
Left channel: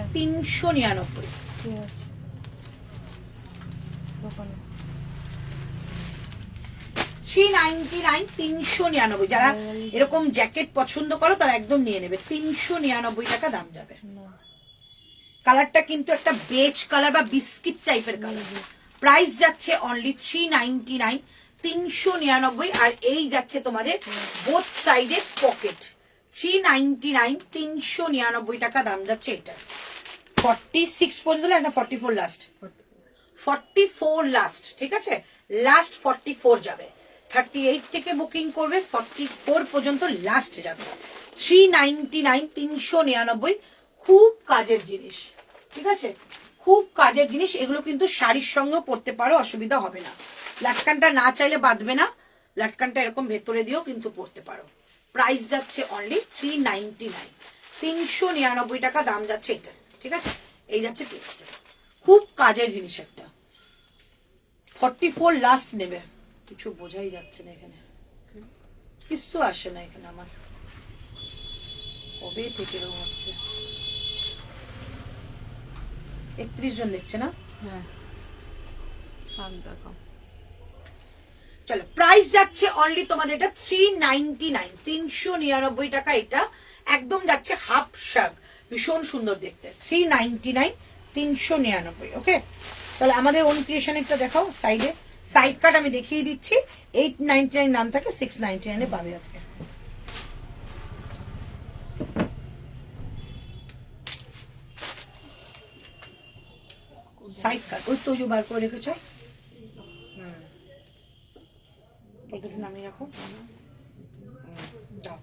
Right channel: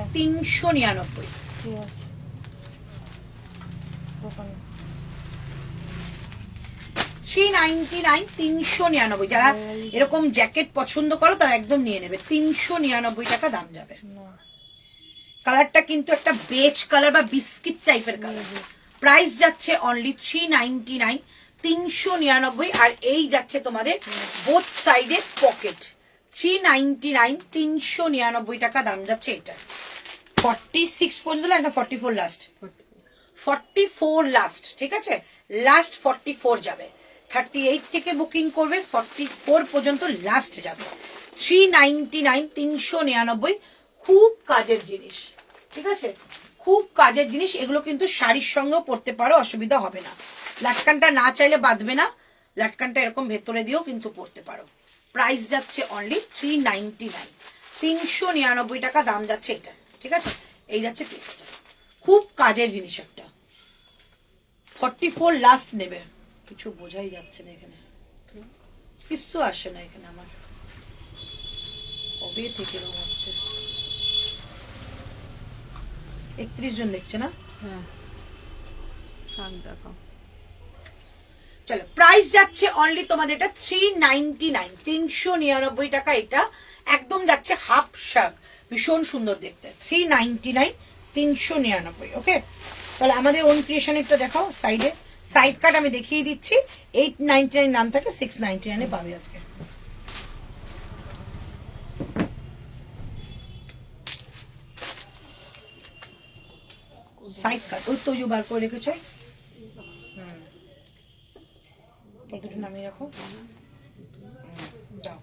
দোকানে 399, 399। যারা এরকম জ্যাকেট পছন্দ করো তারা একদম নিয়ে নেবে, 399 টাকা দাম যাবে। না কালারটা কিন্তু একটা বেজ কালার বা বিস্কিট টাইপের কালার। প্রাইস যাচ্ছে অনলি 399, 399। আর এই যাচ্ছে তোমাদের বোথ সাইডে পকেট, 399, 399 টাকা দাম যাচ্ছে এটা। 46 পর্যন্ত না, 44 লাস্ট, 44 লাস্ট, ঠিক আছে, লাস্ট 44 যাবে। 38 থেকে বুকিং করবে, 44 পর্যন্ত লাস্ট যাবে। 399, 399। খুব কাজের জিনিস, ঠিক আছে, খুব কাজের জিনিস। এগুলো কিন্তু শাড়ির সঙ্গেও পরতে পারো, অসুবিধা হবে না। লাটকানটা না চাইলে বাঁধবে না, লাটকানটা এরকম ভেতরে দিয়েও কিন্তু পরতে পারো। প্রাইস যাচ্ছে অনলি 399, 399 টাকা দাম যাচ্ছে এটা, ঠিক আছে। এই যাচ্ছে পিসটা, খুব কাজের জিনিস একটা। 44 লাস্ট নেবে, কিছু বোঝাই যাচ্ছে না এখানে, কিছু আসে না এখানে আমার, কবে থেকে এরকম হচ্ছে। 31 জন দেখছে না। হ্যাঁ শাক দেখাও। চলো প্রাইস যাচ্ছে অনলি তোমাদের এটা 399, 399 টাকা। এটা একদম যাচ্ছে হাফ শার্ট, ভীষণ সুন্দর দেখতে। 399, 399, ওকে। তাহলে আমাদের ওন ক্রিয়েশন একটা দেখাও সাইডে। সাইড কাট আমি দেখিয়ে দিচ্ছি, 899 দাম থাকে, 699 পাবে আজকে। সাইড কাট ওই তো বার করে রেখেছো, দুটো নামিয়ে রাখো। দাও,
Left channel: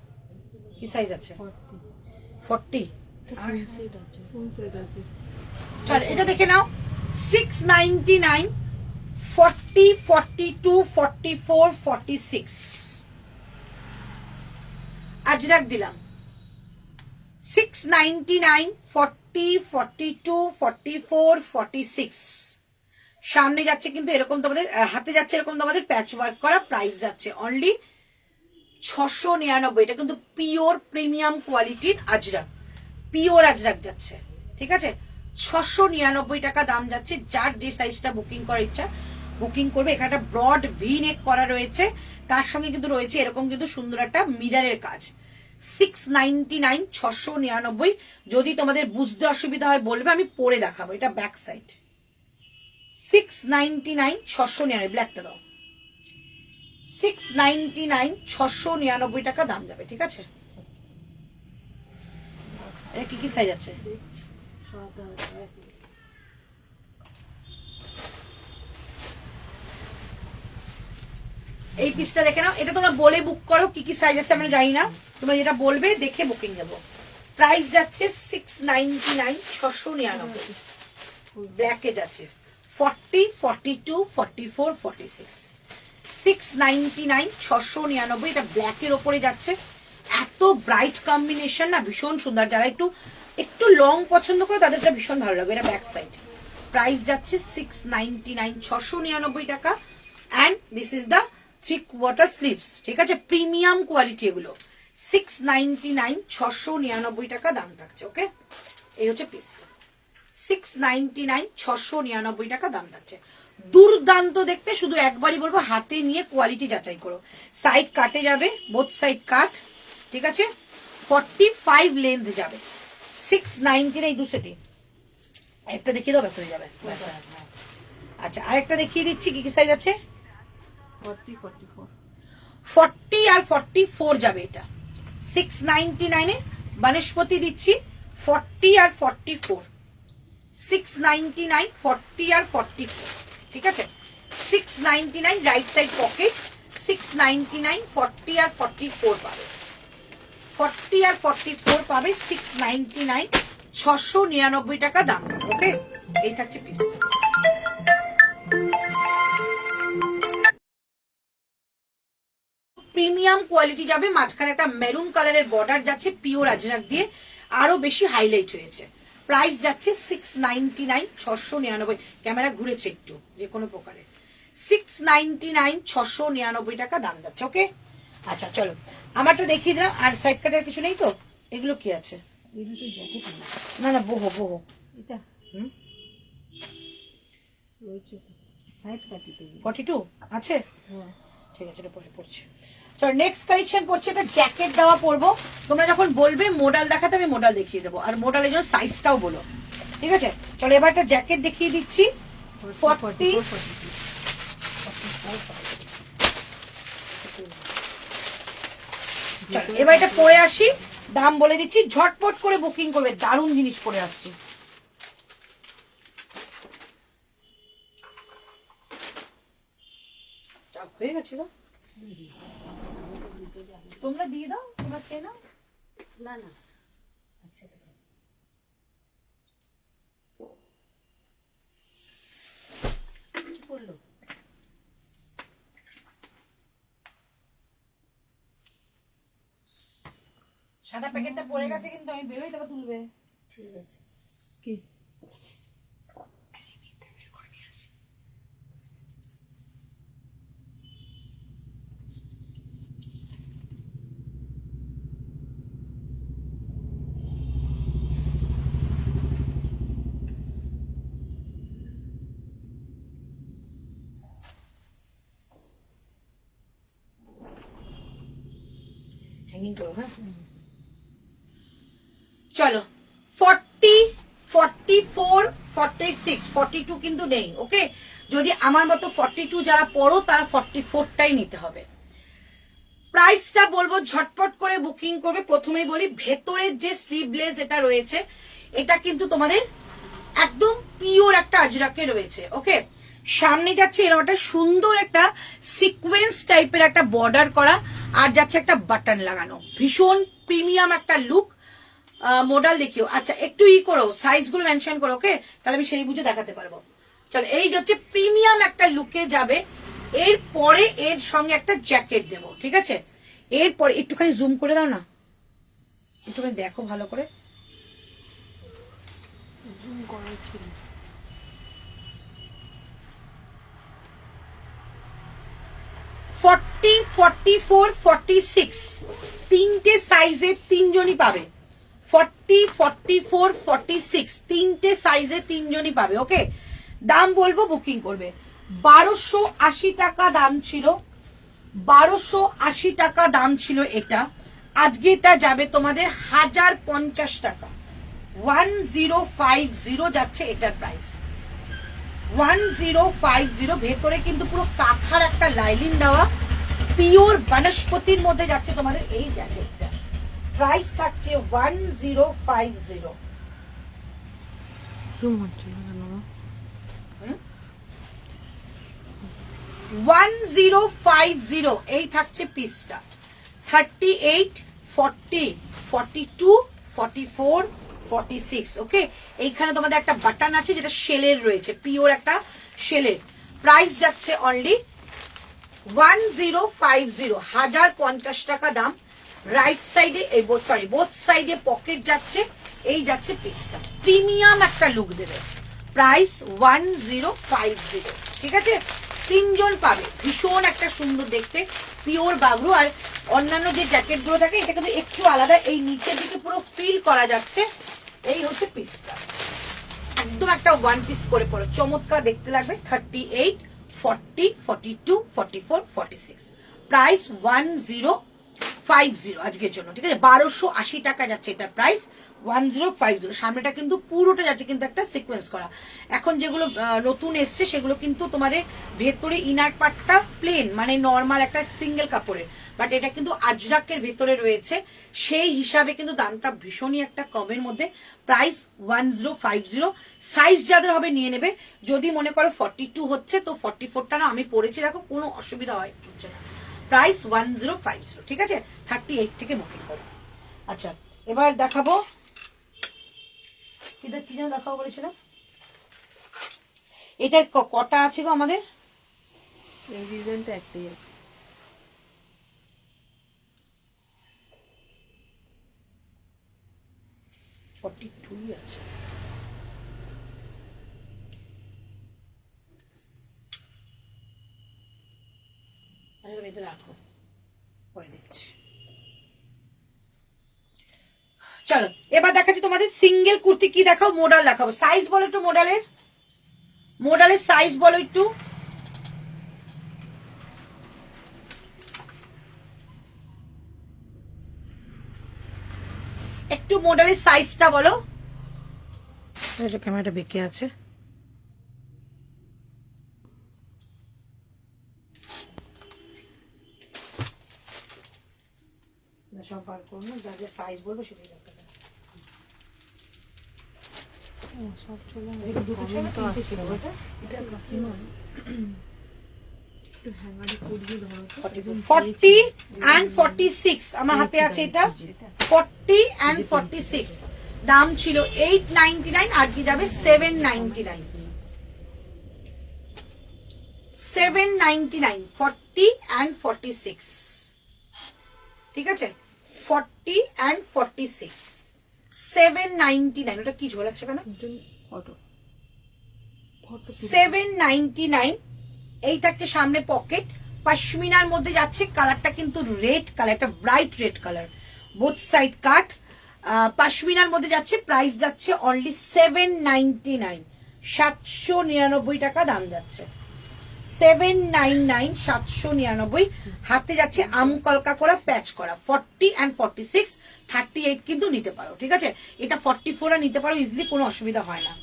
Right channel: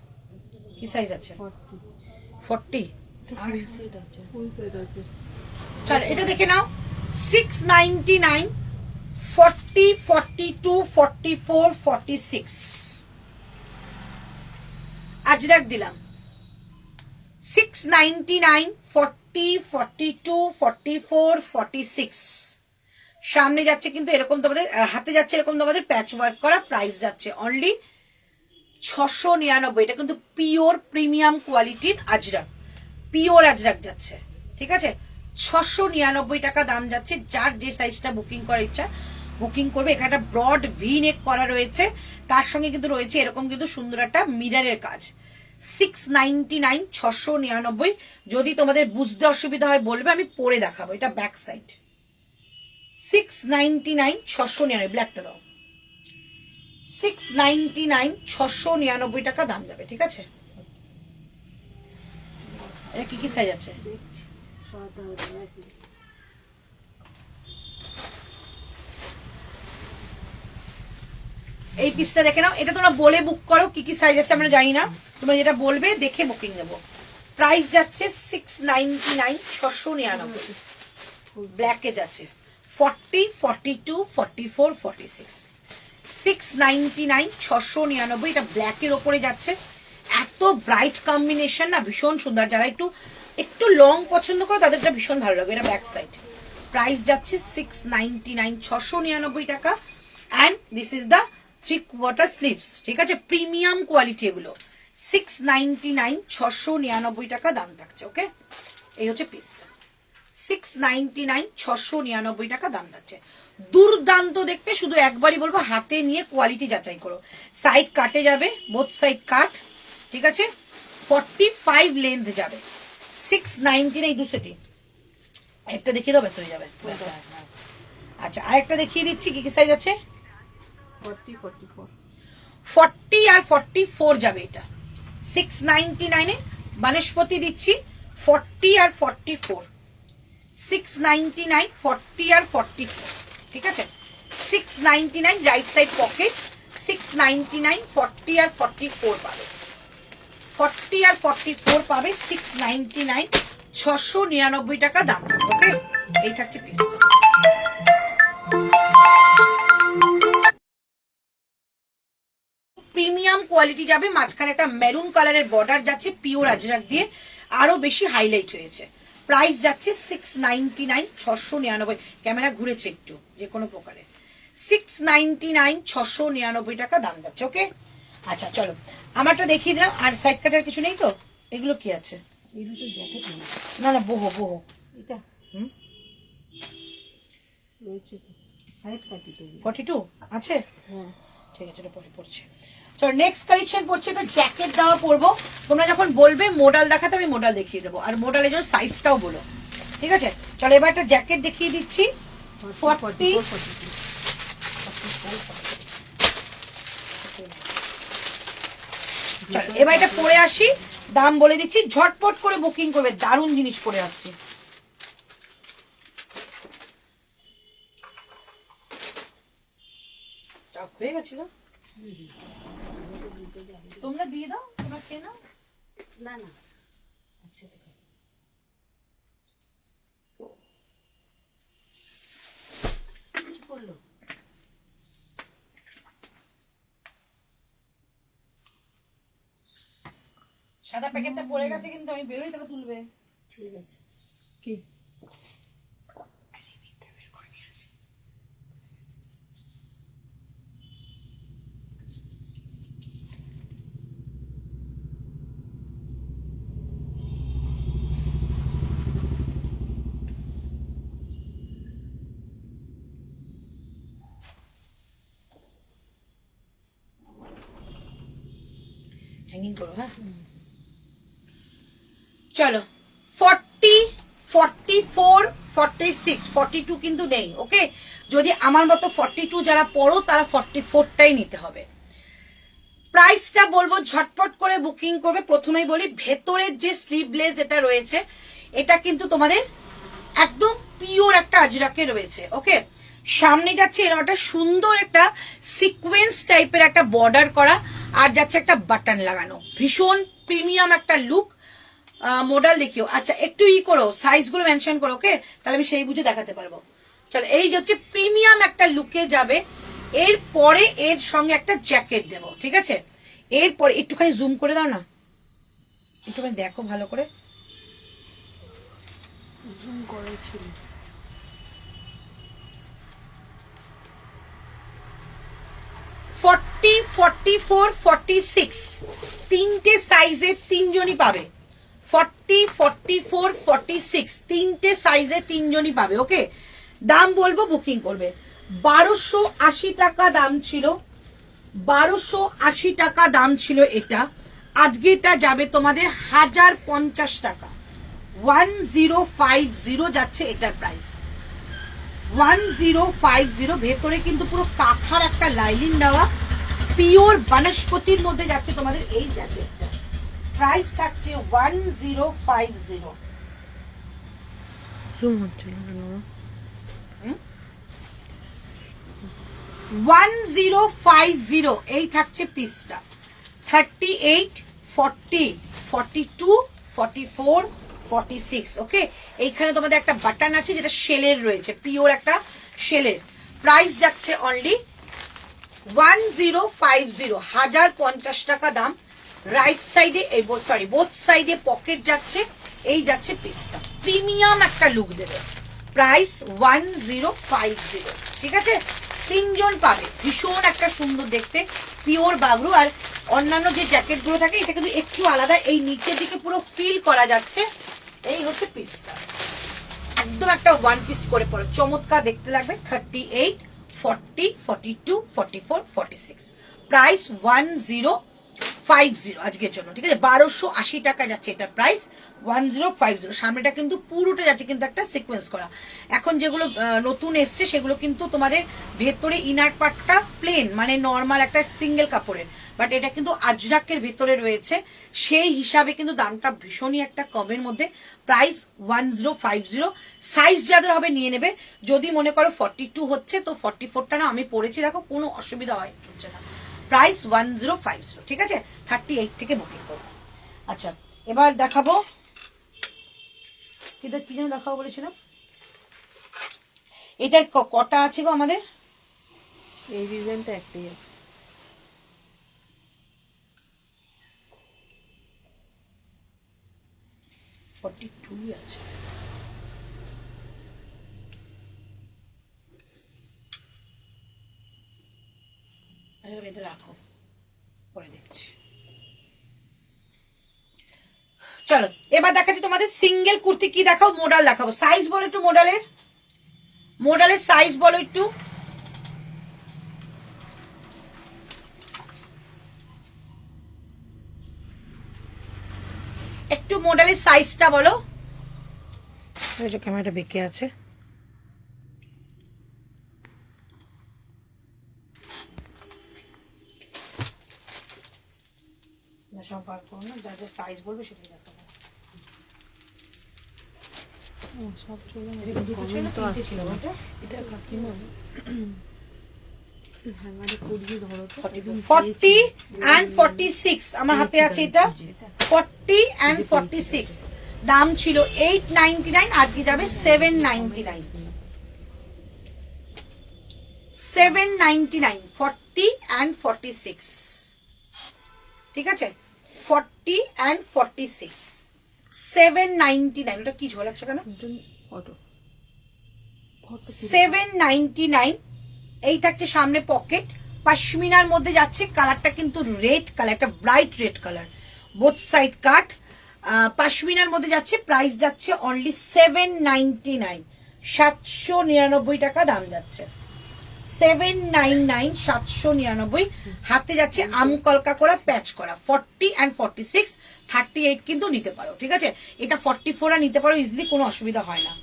কি সাইজ আছে? 40। চল এটা দেখে নাও, 699, 40, 42, 44, 46। আজরাক দিলাম 699, 40, 42, 44, 46, সামনে যাচ্ছে কিন্তু এরকম তোমাদের, হাতে যাচ্ছে এরকম তোমাদের প্যাচ ওয়ার্ক করা। প্রাইস যাচ্ছে অনলি 699। এটা কিন্তু পিওর প্রিমিয়াম কোয়ালিটির আজরাক, পিওর আজরাক যাচ্ছে, ঠিক আছে। 699 টাকা দাম যাচ্ছে। যার যে সাইজটা বুকিং করার ইচ্ছা বুকিং করবে। এখানে একটা ব্রড ভি নেক করা রয়েছে, তার সঙ্গে কিন্তু রয়েছে এরকম কিন্তু সুন্দর একটা মিরারের কাজ। 699, 699। যদি তোমাদের বুঝতে অসুবিধা হয় বলবে, আমি পরে দেখাবো। এটা ব্যাক সাইড। 699, 699। ব্ল্যাকটা দাও। 699, 699 টাকা দাম যাবে, ঠিক আছে। এটা কি কি সাইজ আছে? দেখছি সব রয়েছে। এই পিসটা দেখে নাও। এটা তোমরা বলে বুক করো কি কি সাইজ আছে আমরা জানি না, তোমরা যেটা বলবে দেখে বুকিং নেবো। প্রাইস যাচ্ছে 699, 699। ব্ল্যাকে যাচ্ছে 40, 42, 44, 46। 699, 699। এটা ব্ল্যাকের ওপরে যাচ্ছে। এত ব্রাইট কম্বিনেশন না, ভীষণ সুন্দর। যারা একটু একটু লং পছন্দ করে তাদের এটা ভীষণ ভালো লাগবে। এটা ব্যাক সাইড। প্রাইস যাচ্ছে 699, 699 টাকা। And this is the 3/4 sleeves, ঠিক আছে, প্রিমিয়াম কোয়ালিটি এগুলো। 699, 699 টাকা দাম থাকছে। ওকে, এই হচ্ছে পিসটা। 699, 699 টাকা দাম থাকছে। দুর্দান্ত দেখতে। শুধু একবারই বলবো হাতে নিয়ে কোয়ালিটি যাচাই করো। সাইড কাটে যাবে, বোথ সাইড কাট, ঠিক আছে। 45 লেন্থ যাবে। 699 এই দু সেটি। একটা দেখিয়ে দাও, ব্যাস হয়ে যাবে। আচ্ছা, আরেকটা দেখিয়ে দিচ্ছি কি কি সাইজ আছে। 40, 44। 40 আর 44 যাবে এটা। 699 এ বনস্পতি দিচ্ছি 40 আর 44। 699, 40 আর 44, ঠিক আছে। 699 রাইট সাইড পকেট। 699, 40 আর 44 পাবে। 40 আর 44 পাবে। 699, 699 টাকা দাম। ওকে, এই থাকছে পিসটা। প্রিমিয়াম কোয়ালিটি যাবে। মাঝখানে একটা মেরুন কালারের বর্ডার যাচ্ছে পিওর আজরাক দিয়ে, আরো বেশি হাইলাইট হয়েছে। প্রাইস যাচ্ছে 699, 699। ক্যামেরা ঘুরেছে একটু যে কোনো প্রকারে। 699, 699 টাকা দাম যাচ্ছে। ওকে, আচ্ছা চলো আমারটা দেখিয়ে দিলাম। আর সাইড কাটার কিছু নেই তো? এগুলো কি আছে? এগুলো তো জ্যাকেট না না, বহু বহু। এটা হুম, রয়েছে তো সাইড কাটি তো। 42 আছে। হ্যাঁ, ঠিক আছে, এটা পরে পড়ছে। চলো নেক্সট কালেকশন পড়ছে। এটা জ্যাকেট দেওয়া পরবো। তোমরা যখন বলবে মোডাল দেখাতে, আমি মোডাল দেখিয়ে দেবো। আর মোডালের জন্য সাইজটাও বলো, ঠিক আছে। চলো এবার একটা জ্যাকেট দেখিয়ে দিচ্ছি। 40, চলো এবার এটা পরে আসি। দাম বলে দিচ্ছি, ঝটপট করে বুকিং করবে। দারুণ জিনিস পরে আসছি। হয়ে গেছিল, তোমরা দিয়ে দাও, তোমরা খেয়ে নাও। না না, আচ্ছা দেখো, কি করলো? সাদা প্যাকেটটা পড়ে গেছে, কিন্তু আমি বেরোই টাকা তুলবে। ঠিক আছে। কি হ্যাঙ্গিং করো, হ্যাঁ। চলো 40, 44, 46, 42 কিন্তু নেই। ওকে, যদি আমার মতো 42 যারা পড়ো তারা 44টাই নিতে হবে। প্রাইসটা বলবো, ঝটপট করে বুকিং করবে। প্রথমেই বলি, ভেতরের যে স্লিভলেস এটা রয়েছে, এটা কিন্তু তোমাদের একদম পিওর একটা আজরাকে রয়েছে। ওকে, সামনে যাচ্ছে এরকম একটা সুন্দর একটা সিকোয়েন্স টাইপের একটা বর্ডার করা, আর যাচ্ছে একটা বাটন লাগানো। ভীষণ প্রিমিয়াম একটা লুক। মডেল দেখিও। আচ্ছা একটু করো, সাইজ গুলো মেনশন করো। ওকে, তাহলে আমি সেই বুঝে দেখাতে পারবো। চলো, এই যে হচ্ছে প্রিমিয়াম একটা লুকে যাবে। এরপরে এর সঙ্গে একটা জ্যাকেট দেবো, ঠিক আছে। এরপরে একটুখানি জুম করে দাও না, একটুখানি দেখো ভালো করে। জুম করা ছিল। 40, 44, 46 তিনটে সাইজে তিনজনই পাবে। 40, 44, 46 তিনটে সাইজে তিনজনই পাবে। ওকে, দাম বলবো, বুকিং করবে। 1280 টাকা দাম ছিল, 1280 টাকা দাম ছিল এটা। আজকে এটা যাবে তোমাদের 1050 টাকা। 1050 যাচ্ছে এটার প্রাইস, 1050। ভেতরে কিন্তু পুরো কাঁথার একটা লাইলিন দেওয়া, পিওর বনস্পতির মধ্যে যাচ্ছে তোমাদের এই জ্যাকেটটা। প্রাইস থাকছে 1050। জুম হচ্ছে না কেন মা? 1050 এই থাকছে পিসটা। 38, 40, 42, 44, 46। ওকে, এইখানে তোমাদের একটা বাটন আছে যেটা শেলের রয়েছে, পিওর একটা শেলের। প্রাইস যাচ্ছে অনলি 1050, 1050 টাকা দাম। রাইট সাইডে, সরি বোথ সাইডে পকেট যাচ্ছে, এই যাচ্ছে পিসটা। প্রিমিয়াম একটা লুক দেবে। প্রাইস 1050। ঠিক আছে, তিনজন পাবে। ভীষণ একটা সুন্দর দেখতে, পিওর বাগরু। আর অন্যান্য যে জ্যাকেট গুলো থাকে এটা কিন্তু একটু আলাদা, এই নিচের দিকে পুরো ফিল করা যাচ্ছে। এই হচ্ছে পিসটা, একদম একটা ওয়ান পিস করে পড়ো, চমৎকার দেখতে লাগবে। 38, 40, 42, 44, 46। প্রাইস 1050 আজকের জন্য। ঠিক আছে, 1280 টাকা যাচ্ছে এটা প্রাইস, 1050। সামনেটা কিন্তু পুরোটা যাচ্ছে কিন্তু একটা সিকোয়েন্স করা। এখন যেগুলো নতুন এসছে সেগুলো কিন্তু তোমাদের ভেতরে ইনার পার্টটা প্লেন, মানে নর্মাল একটা সিঙ্গেল কাপড়ের, বাট এটা কিন্তু আজরাকের ভেতরে রয়েছে। সেই হিসাবে কিন্তু দামটা ভীষণই একটা কমের মধ্যে। প্রাইস 1050। সাইজ যাদের হবে নিয়ে নেবে। যদি মনে করো 42 হচ্ছে তো 44টা না আমি পরেছি, দেখো কোনো অসুবিধা হচ্ছে না। প্রাইস 1050। ঠিক আছে, 38 থেকে বুকিং করো। আচ্ছা, এবার দেখাবো কি যেন দেখাবো বলেছিলাম। এটার কটা আছে গো আমাদের? এই ডিজাইনটা একটাই আছে। আছে। এটা রাখো, পরে দেখছি। চলো এবার দেখাচ্ছি তোমাদের সিঙ্গেল কুর্তি। কি দেখাও? মডেল দেখাবো। সাইজ বলো একটু, মডেলের সাইজ বলো একটু। একটু মডেলের সাইজটা বলো। ক্যামেরাটা বেঁকে আছে। সব বার করো না, যা যা সাইজ বলবে সেটাই দেখাবো। সব চলে তো আসছে না। এটা কাকিমা 40 and 46 আমার হাতে আছে এটা। 40 and 46 দাম ছিল 899, আজকে যাবে 799। 799, 40 and 46। ঠিক আছে, 40 and 46, 799। ওটা কি ঝোলাচ্ছ কেন? অটো 799। এই থাকছে সামনে পকেট, পশমিনার মধ্যে যাচ্ছে। কালারটা কিন্তু রেড কালার, একটা bright red colour, both side cut. পশমিনার মধ্যে যাচ্ছে। প্রাইস যাচ্ছে অনলি 799, 799 টাকা দাম যাচ্ছে। 799, 799। হাতে যাচ্ছে আমকলকা করা, প্যাচ করা। 40 and 46, 38 কিন্তু নিতে পারো। ঠিক আছে, এটা 44 নিতে পারো ইজিলি, কোনো অসুবিধা হয় না।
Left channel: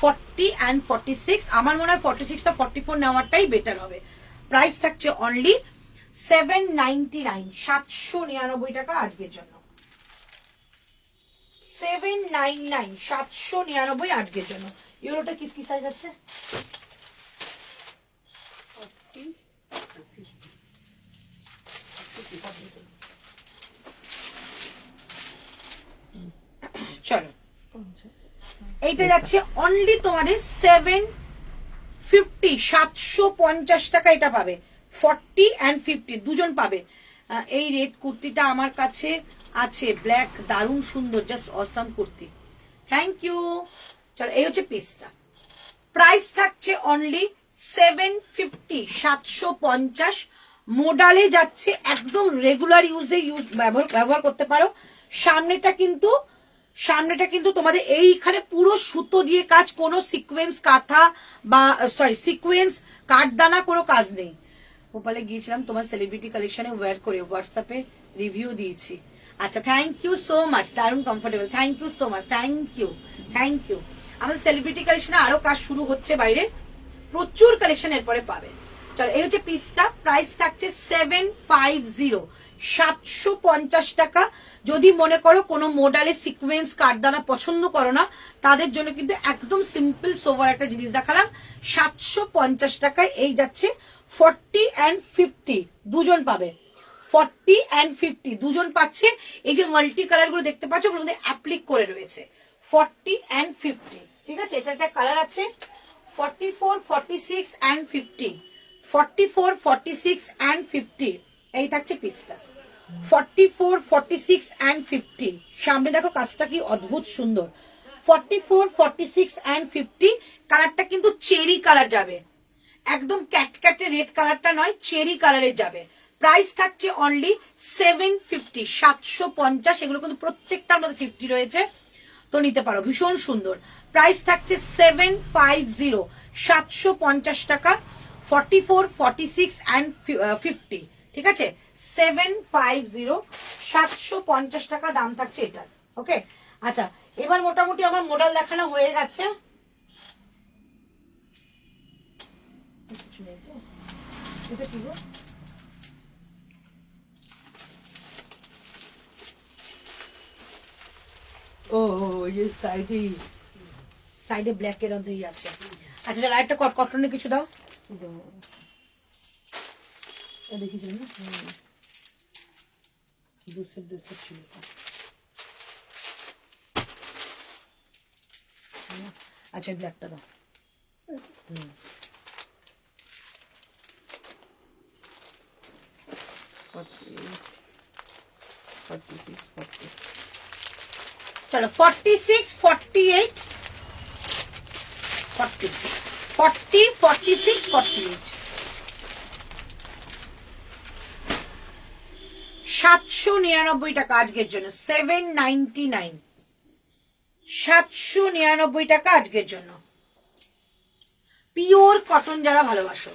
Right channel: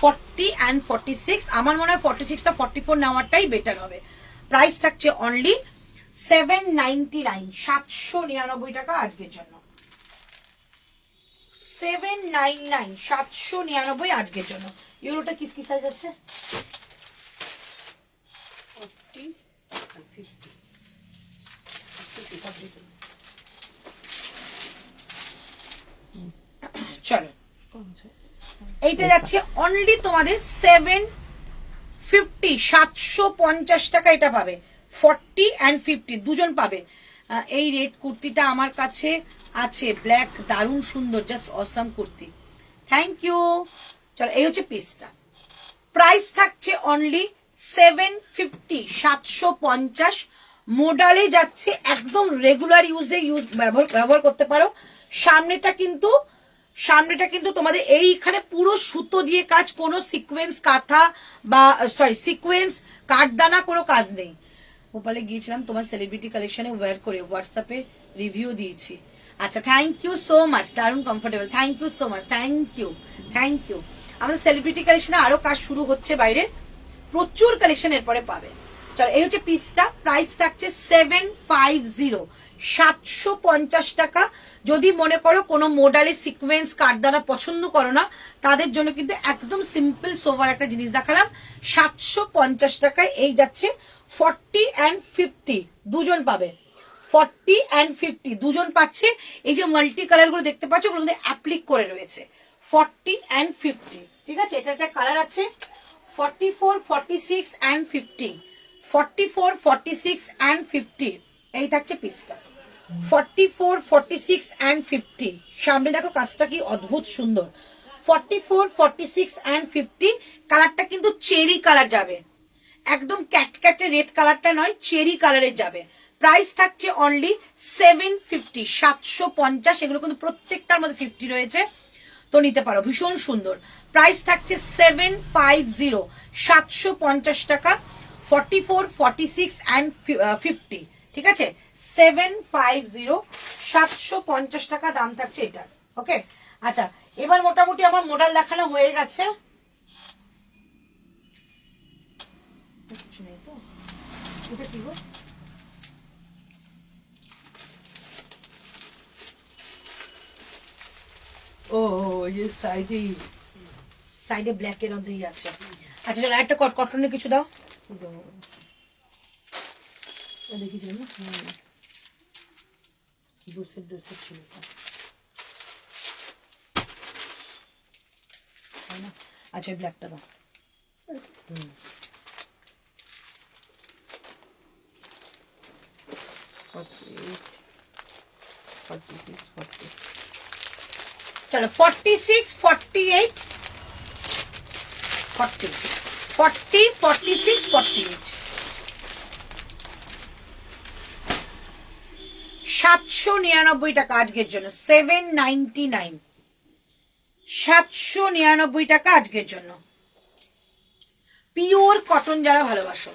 40 and 46, আমার মনে হয় 46টা 44 নেওয়াটাই বেটার হবে। প্রাইস থাকছে অনলি 799, 799 টাকা আজকের জন্য। 799, 799 আজকের জন্য। ইউরোটা কি সাইজ আছে? 40 and 50। চলো, এইটা যাচ্ছে অনলি তোমাদের 750, 750 টাকা এটা পাবে। 40 and 50 দুজন পাবে। এই রেড কুর্তিটা আমার কাছে আছে, ব্ল্যাক, দারুণ সুন্দর, just awesome kurti. Thank you. চলো, এই হচ্ছে পিসটা। প্রাইস থাকছে অনলি 750, 750। মোডালে যাচ্ছে, একদম রেগুলার ইউজে ব্যবহার করতে পারো। সামনেটা কিন্তু তোমাদের এইখানে পুরো সুতো দিয়ে কাজ, কোনো সিকোয়েন্স কাঁথা বা সিকোয়েন্স কাঠদানা কোনো কাজ নেই। ভোপালে গিয়েছিলাম তোমার সেলিব্রিটি কালেকশনে ওয়্যার করে, হোয়াটসঅ্যাপে রিভিউ দিয়েছি। আচ্ছা, থ্যাংক ইউ সো মাচ, দারুণ comfortable, thank you so much, thank you. আমাদের সেলিব্রিটি কালেকশনে আরো কাজ শুরু হচ্ছে বাইরে, প্রচুর কালেকশন এরপরে পাবে। চলো, এই হচ্ছে পিসটা, প্রাইস থাকছে 750, 750 টাকা। যদি মনে করো কোনো মোডালে সিকোয়েন্স কাঠদানা পছন্দ করো না, তাদের জন্য কিন্তু একদম সিম্পল সোভার একটা জিনিস দেখালাম, 750 টাকায় এই যাচ্ছে। 40 and 50 দুজন পাবে, 40 and 50 দুজন পাচ্ছে। এই যে মাল্টি কালার গুলো দেখতে পাচ্ছ, ওগুলো অ্যাপ্লিক করে রয়েছে, 40 and 50। ঠিক আছে, এটা একটা কালার আছে 44, 46 and 50, 44, 46 and 50। এই থাকছে পিসটা 44, 46 and 50। সামনে দেখো কাজটা কি অদ্ভুত সুন্দর, 44, 46 and 50। কালারটা কিন্তু চেরি কালার যাবে, একদম ক্যাটক্যাটে রেড কালারটা নয়, চেরি কালারের যাবে। প্রাইস থাকছে অনলি 750, 750। এগুলো কিন্তু প্রত্যেকটার মধ্যে 50 রয়েছে, তো নিতে পারো, ভীষণ সুন্দর। প্রাইস থাকছে 750, 750 টাকা, 44, 46 and 50। ঠিক আছে, 750, 750 টাকা দাম থাকছে এটা। ওকে, আচ্ছা, এবার মোটামুটি আমার মডেল দেখানো হয়ে গেছে। এটা কি গো? ও এই সাইডে ব্ল্যাক এর মধ্যেই আছে। আচ্ছা, চলো একটা কটনের কিছু দাও, দেখেছি না, দুসের ছিল না। আচ্ছা, ব্ল্যাকটা দাও। চলো, 46, 48, 40, 46, 48, 799 টাকা আজকের জন্য, 799, 799 টাকা আজকের জন্য। পিওর কটন যারা ভালোবাসো,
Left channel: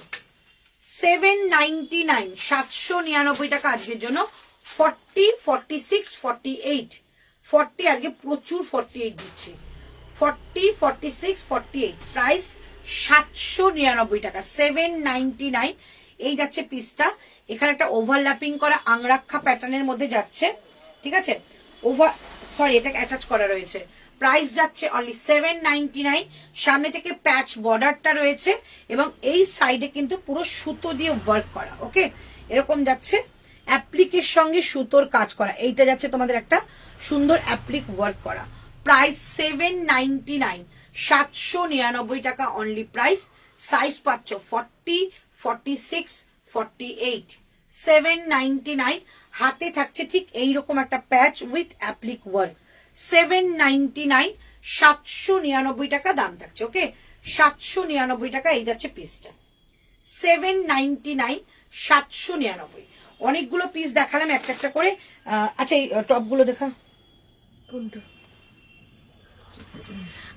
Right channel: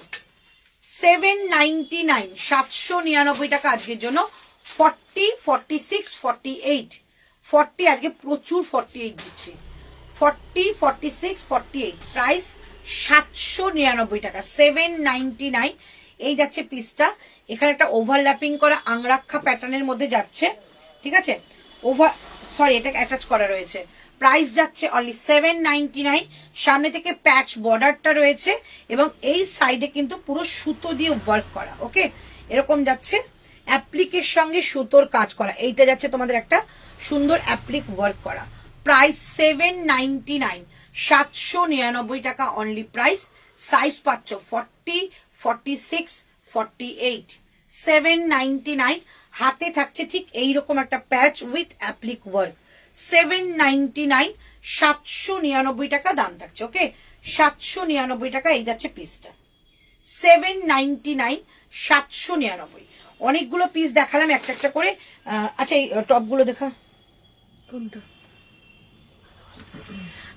799, 799 টাকা আজকের জন্য। 40, 46, 48, 40 আজকে প্রচুর 48 দিচ্ছে, 40, 46, 48। প্রাইস 799 টাকা, 799। এই যাচ্ছে পিসটা, এখানে একটা ওভারল্যাপিং করা আংরাক্ষা প্যাটার্নের মধ্যে যাচ্ছে। ঠিক আছে, এটা অ্যাটাচ করা রয়েছে। প্রাইস যাচ্ছে অনলি 799। সামনে থেকে প্যাচ বর্ডারটা রয়েছে এবং এই সাইডে কিন্তু পুরো সুতো দিয়ে ওয়ার্ক করা। ওকে, এরকম যাচ্ছে, অ্যাপ্লিকের সঙ্গে সুতোর কাজ করা। এইটা যাচ্ছে তোমাদের একটা সুন্দর অ্যাপ্লিক ওয়ার্ক করা। প্রাইস 799, 799 টাকা অনলি প্রাইস। সাইজ পাচ্ছ 40, 46, 48, 799। হাতে থাকছে ঠিক এইরকম একটা প্যাচ উইথ অ্যাপ্লিক ওয়ার্ক, 799, 799 টাকা দাম থাকছে। ওকে, 799 টাকা এই যাচ্ছে পিসটা, 799, 799। অনেকগুলো পিস দেখালাম একটা একটা করে। আচ্ছা, এই টপগুলো দেখা কোনটা?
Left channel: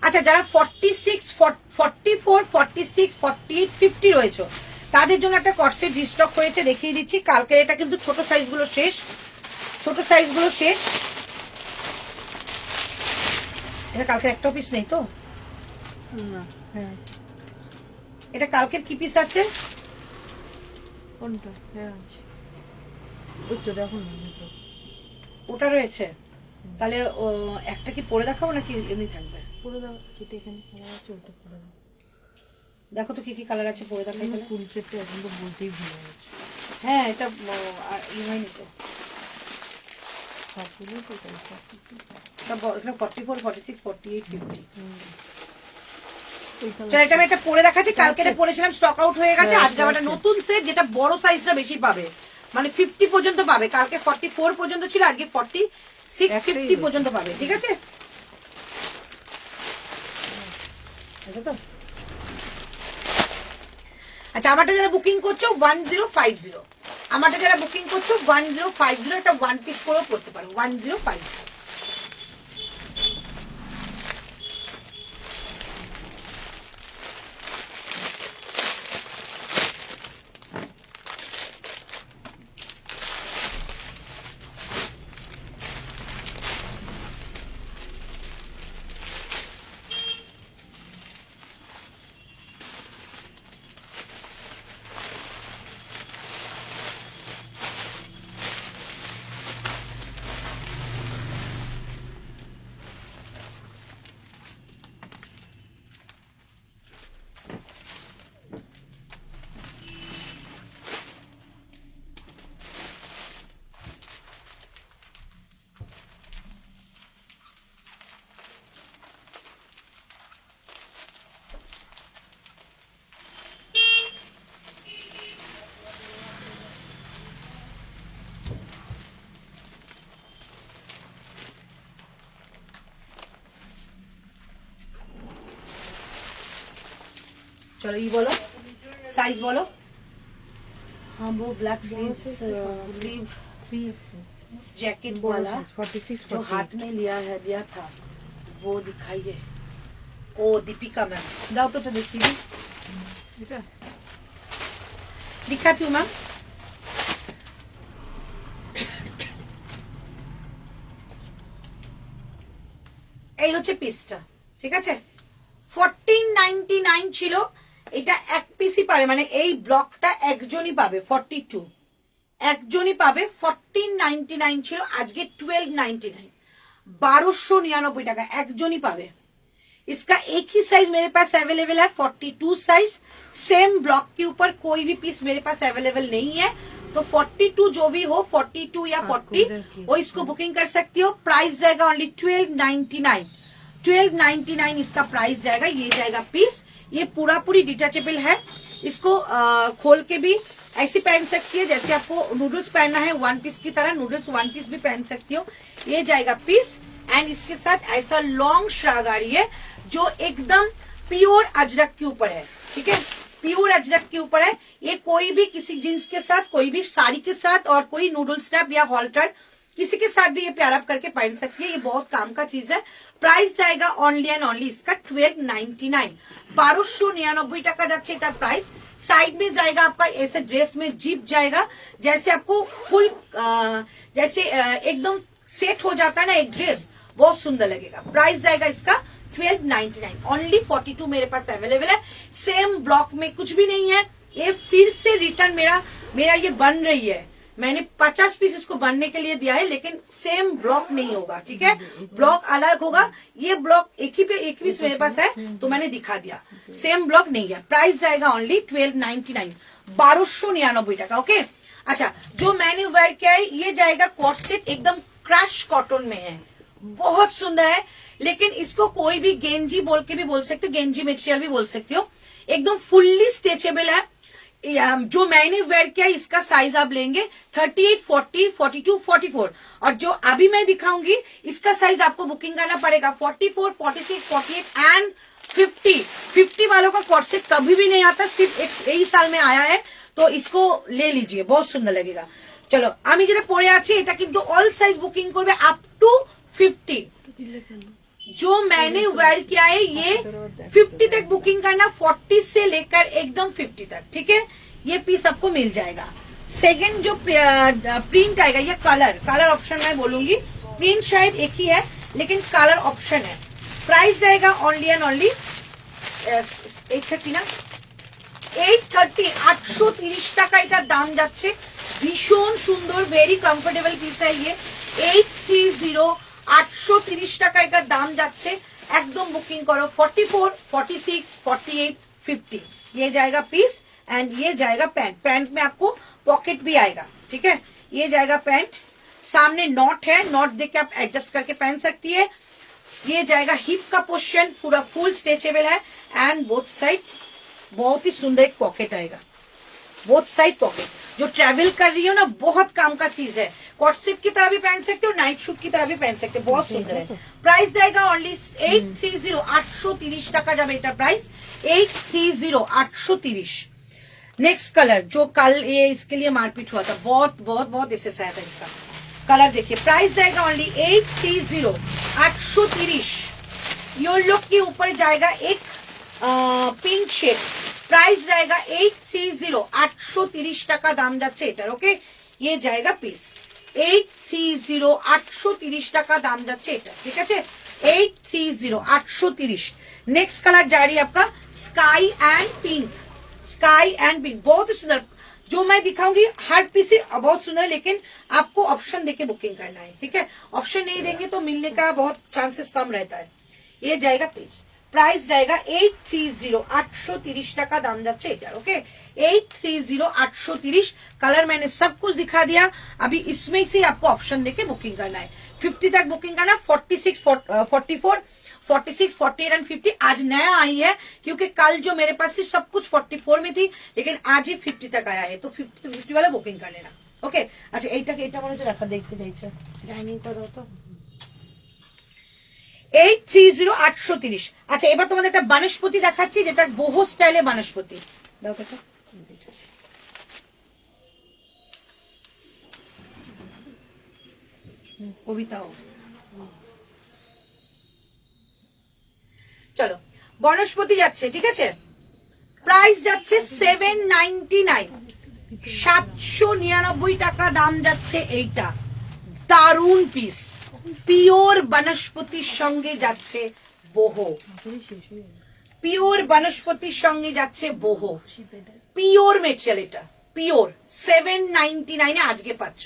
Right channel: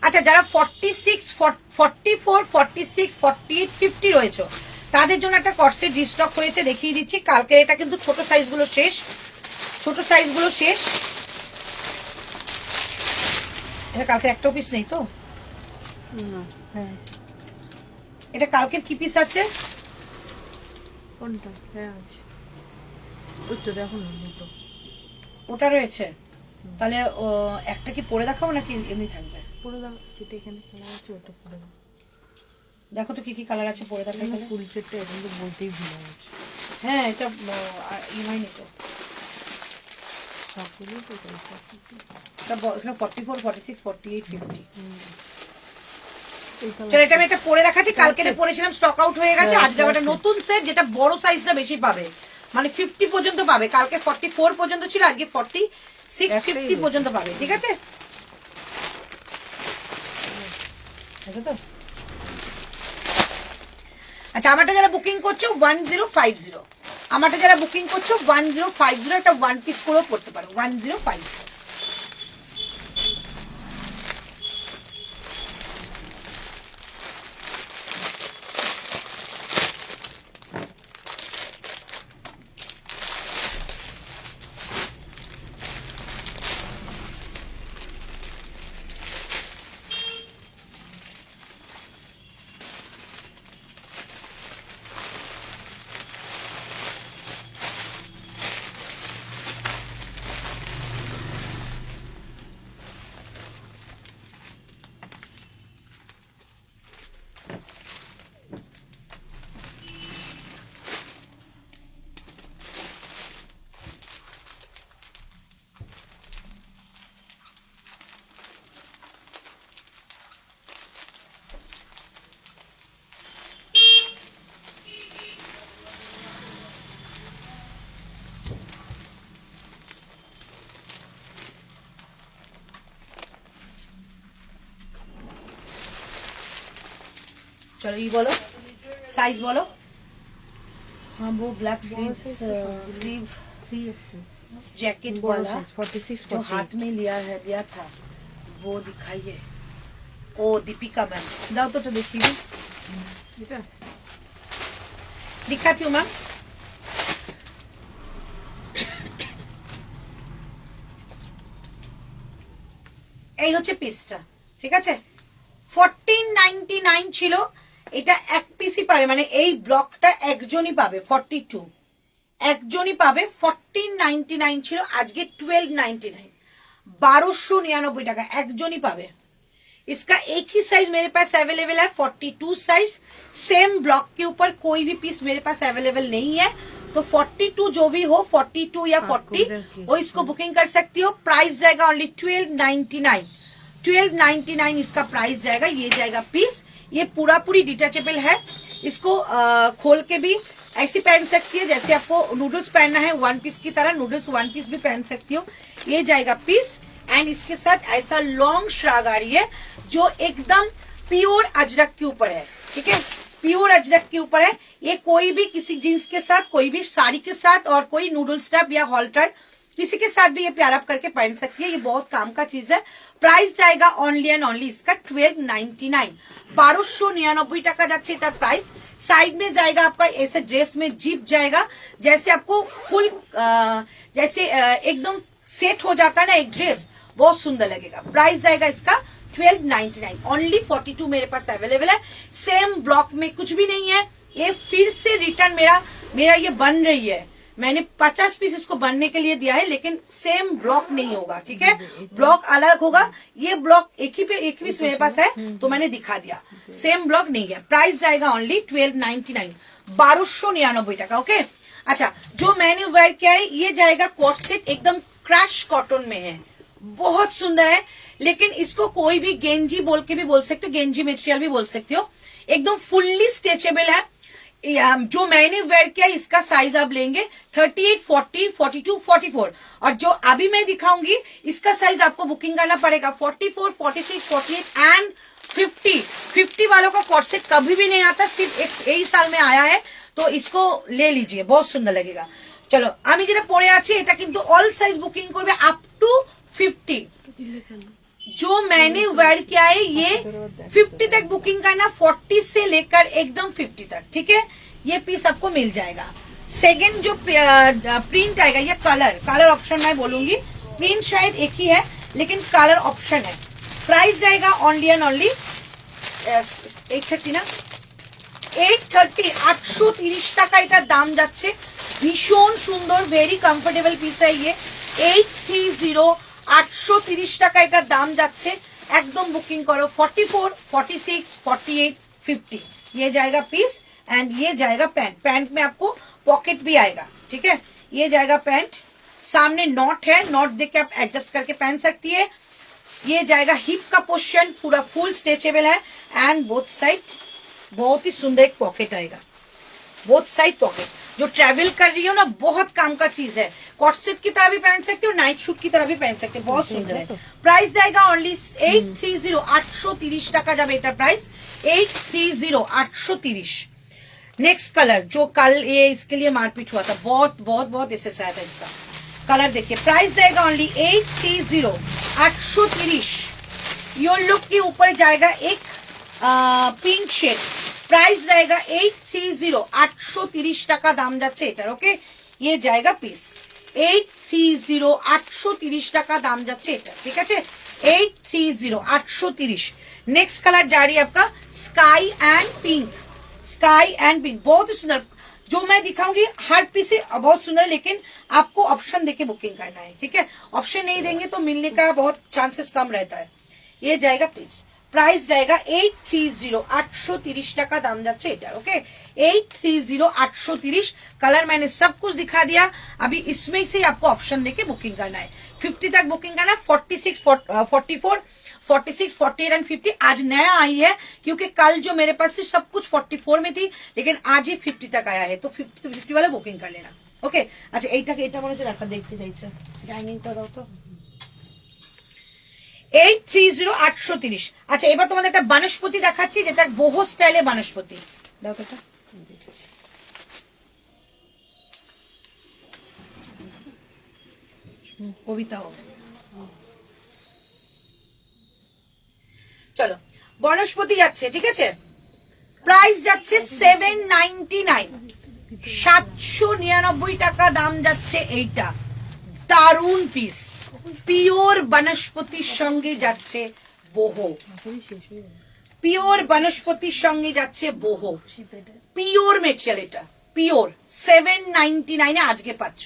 আচ্ছা, যারা 46, 44, 46, 48, 50 রয়েছে, তাদের জন্য একটা কটসেট রিস্টক হয়েছে, দেখিয়ে দিচ্ছি। কালকে এটা কিন্তু ছোট সাইজগুলো শেষ, এটা কালকের একটাও পিস নেই তো? হ্যাঁ, এটা কালকের কি পিস আছে? কোনটা? হ্যাঁ আছে, দেখো ওটা রয়েছে। তাহলে একটা কি পরে দেখাবো নাকি এমনি থাকবে? পুরো যেটা এখানে কালার আছে ওটা পুরো দেখো তো কি কি কালার আছে, পরে দেখাই। তাহলে ফুল সেটটা এখন তো বলতেই ভুলে গেছি। হ্যাঁ, এটা হয়নি তো, সবগুলো তো এখানে 44, 46, 48, 50। এই কালার চলো, এটা আমি একটা পরে দেখাচ্ছি। কালকে পরেছিলাম, স্টক আউট হয়ে গেছে। আজকে আবার একটা নতুন সেট, যেটা বড় সাইজটা বেশি পাবে, মানে 50 পর্যন্ত পাবে। কালকে 44 পর্যন্ত ছিল, আজকে 46, 50 পর্যন্ত পাবে। ঠিক আছে, তো আচ্ছা, আমারটা যারা বুকিং করছো 1050, আমারটা যারা বুকিং করছো 1050 একটা ওয়ান পিস করেও পড়তে পারো 1050। चलो ये बोलो साइज बोलो। हाँ वो black sleeve sleeve 3X jacket वाला 46 जो हाथ में लिया था वो दिखाइए। ओ दीपिका मैम दाओ तो देखिए दिखाती हूँ मैम। এই হচ্ছে পিসটা, ঠিক আছে। 1499 ছিল, এটা এক পিসই পাবে, মানে এই ব্লকটা একজনই পাবে। 42 একজনই পাবে। 1499 ছিল, আজকে 1299, 1299 টাকা একজনই পাবে। इसका एक ही साइज मेरे पास अवेलेबल है 42 साइज। सेम ब्लॉक के ऊपर कोई भी पीस मेरे पास अवेलेबल नहीं है, तो 42 जो भी हो 42 या 40 वो इसको बुकिंग कर सकती हो। प्राइस जाएगा ओनली 1299। 1299 इसका प्राइस जाएगा। ये जाएगा पीस, ये पूरा पूरी डिटेचेबल है। इसको खोल के भी ऐसे पहन सकती है, जैसे आपको नूडल्स पहनना है वन पीस की तरह, नूडल्स वन पीस भी पहन सकती हो। ये जाएगा पीस एंड इसके साथ ऐसा लॉन्ग श्राग आ रही है जो एकदम प्योर अजरक के ऊपर है, ठीक है, प्योर अजरक के ऊपर है। ये कोई भी किसी जींस के साथ, कोई भी साड़ी के साथ और कोई नूडल स्टैप या हॉल्टर किसी के साथ भी ये प्यार अप करके पहन सकती है। ये बहुत काम का चीज है। प्राइस जाएगा ओनली एंड ओनली इसका 1299, 1299 টাকা যাচ্ছে এটার प्राइस। साइड में जाएगा आपका ऐसे ड्रेस में जिप जाएगा, जैसे आपको फुल जैसे एकदम सेट हो जाता है ना एक ड्रेस, बहुत सुंदर लगेगा। प्राइस जाएगा इसका 1299। ओनली 42 मेरे पास अवेलेबल है। सेम ब्लॉक में कुछ भी नहीं है। ये फिर से रिटर्न मेरा ये बन रही है। मैंने 50 पीस इसको बनने के लिए दिया है, लेकिन सेम ब्लॉक नहीं होगा, ठीक है, ब्लॉक अलग होगा। ये ब्लॉक एक ही पीस मेरे पास है तो मैंने दिखा दिया, सेम ब्लॉक नहीं है। प्राइस जाएगा ओनली 1299, 1299 টাকা। ओके, अच्छा, जो मैंने वेयर किया है ये जाएगा कोट सेट, एकदम क्रश कॉटन में है, बहुत सुंदर है। लेकिन इसको कोई भी गेंजी बोल के भी बोल सकते हो, गेंजी मटेरियल भी बोल सकते हो। एकदम फुल्ली स्ट्रेचेबल है। जो मैंने वेयर किया इसका साइज आप लेंगे 38, 40, 42, 44, और जो अभी मैं दिखाऊंगी इसका साइज आपको बुकिंग करना पड़ेगा 44, 46, 48 एंड 50। 50 वालों का कॉट सेट कभी भी नहीं आता, सिर्फ यही साल में आया है, तो इसको ले लीजिए, बहुत सुंदर लगेगा। चलो আমি যেটা পরে আছি এটা কিন্তু অল সাইজ বুকিং করবে আপ টু 50। जो मैंने वेयर किया है ये 50 तक बुकिंग करना, 40 से लेकर एकदम 50 तक, ठीक है। ये पीस आपको मिल जाएगा। सेकंड जो प्रिंट आएगा, ये कलर ऑप्शन मैं बोलूंगी, प्रिंट शायद एक ही है लेकिन कलर ऑप्शन है। प्राइस जाएगा ओनली एंड ओनली 830 ना, 830, 830 টাকা এটার দাম যাচ্ছে। ভীষণ সুন্দর, ভেরি কমফোর্টেবল পিস है ये। 830, 830 টাকা এটার দাম যাচ্ছে। একদম বুকিং করো। 44, 46, 48, 50 ये जाएगा पीस एंड ये जाएगा पैंट। पैंट में आपको पॉकेट भी आएगा, ठीक है। ये जाएगा पैंट, सामने नॉट है, नॉट देके आप एडजस्ट करके पहन सकती है। ये जाएगा हिप का पोर्शन, पूरा फुल स्ट्रेचेबल है एंड बोथ साइड बहुत ही सुंदर एक पॉकेट आएगा, बोथ साइड पॉकेट। जो ट्रैवल कर रही हो ना, बहुत काम का चीज है। कॉट सेट की तरह भी पहन सकते हो, नाइट शूट की तरह भी पहन सकते हो, बहुत सुंदर है। प्राइस जाएगा ओनली 830, 830 টাকা যাবে এটা প্রাইস। 830, 830। नेक्स्ट कलर जो कल ये इसके लिए मारपीट हुआ था, बहुत बहुत बहुत इससे आया था इसका कलर। देखिए प्राइस जाएगा ओनली 830, 830। योर लुक के ऊपर जाएगा एक पिंक शेड, प्राइस रहेगा 830, 830 টাকা দাম যাচ্ছে এটার। ওকে, ये जाएगा পিস 830, 830 টাকা দাম যাচ্ছে এটা, ঠিক আছে 830, 830। नेक्स्ट कलर जा रही है आपका sky and pink, sky and pink, बहुत ही सुंदर। जो मैं दिखाऊंगी हर पीस बहुत सुंदर, लेकिन आपको ऑप्शन देके बुकिंग करना है, ठीक है। ऑप्शन नहीं देंगे तो मिलने का बहुत चांसेस कम रहता है। ये जाएगा पीस, प्राइस रहेगा 830, 830 টাকা দাম যাচ্ছে এটা। ओके 830, 830। कलर मैंने सब कुछ दिखा दिया, अभी इसमें से आपको ऑप्शन देके बुकिंग करना है। 50 तक बुकिंग करना है, 46, 44, 46, 48 एंड 50 आज नया आई है, क्योंकि कल जो मेरे पास थी सब कुछ 44 में थी, लेकिन आज ही 50 तक आया है, तो 50 वाला बुकिंग कर लेना। ओके अच्छा এইটাকে এটা মনে হচ্ছে দেখা দেখতে চাইছে, ডাইনিং করে দাও তো। 830, 830। আচ্ছা এবার তোমাদের একটা বানস্পতি দেখাচ্ছি, যেটা বহু স্টাইলে বানস্পতি। দাও তো এটা দেখছি। কবিতাও চলো বনস্পতি যাচ্ছে, ঠিক আছে। প্রাইস যাচ্ছে 799, 799 টাকা দাম যাচ্ছে এইটা। দারুন পিস, পিওর বনস্পতির সঙ্গে যাচ্ছে বহু, পিওর বনস্পতির সঙ্গে যাচ্ছে বহু, পিওর মেটেরিয়াল এটা, পিওর। 799 আজকে পাচ্ছ,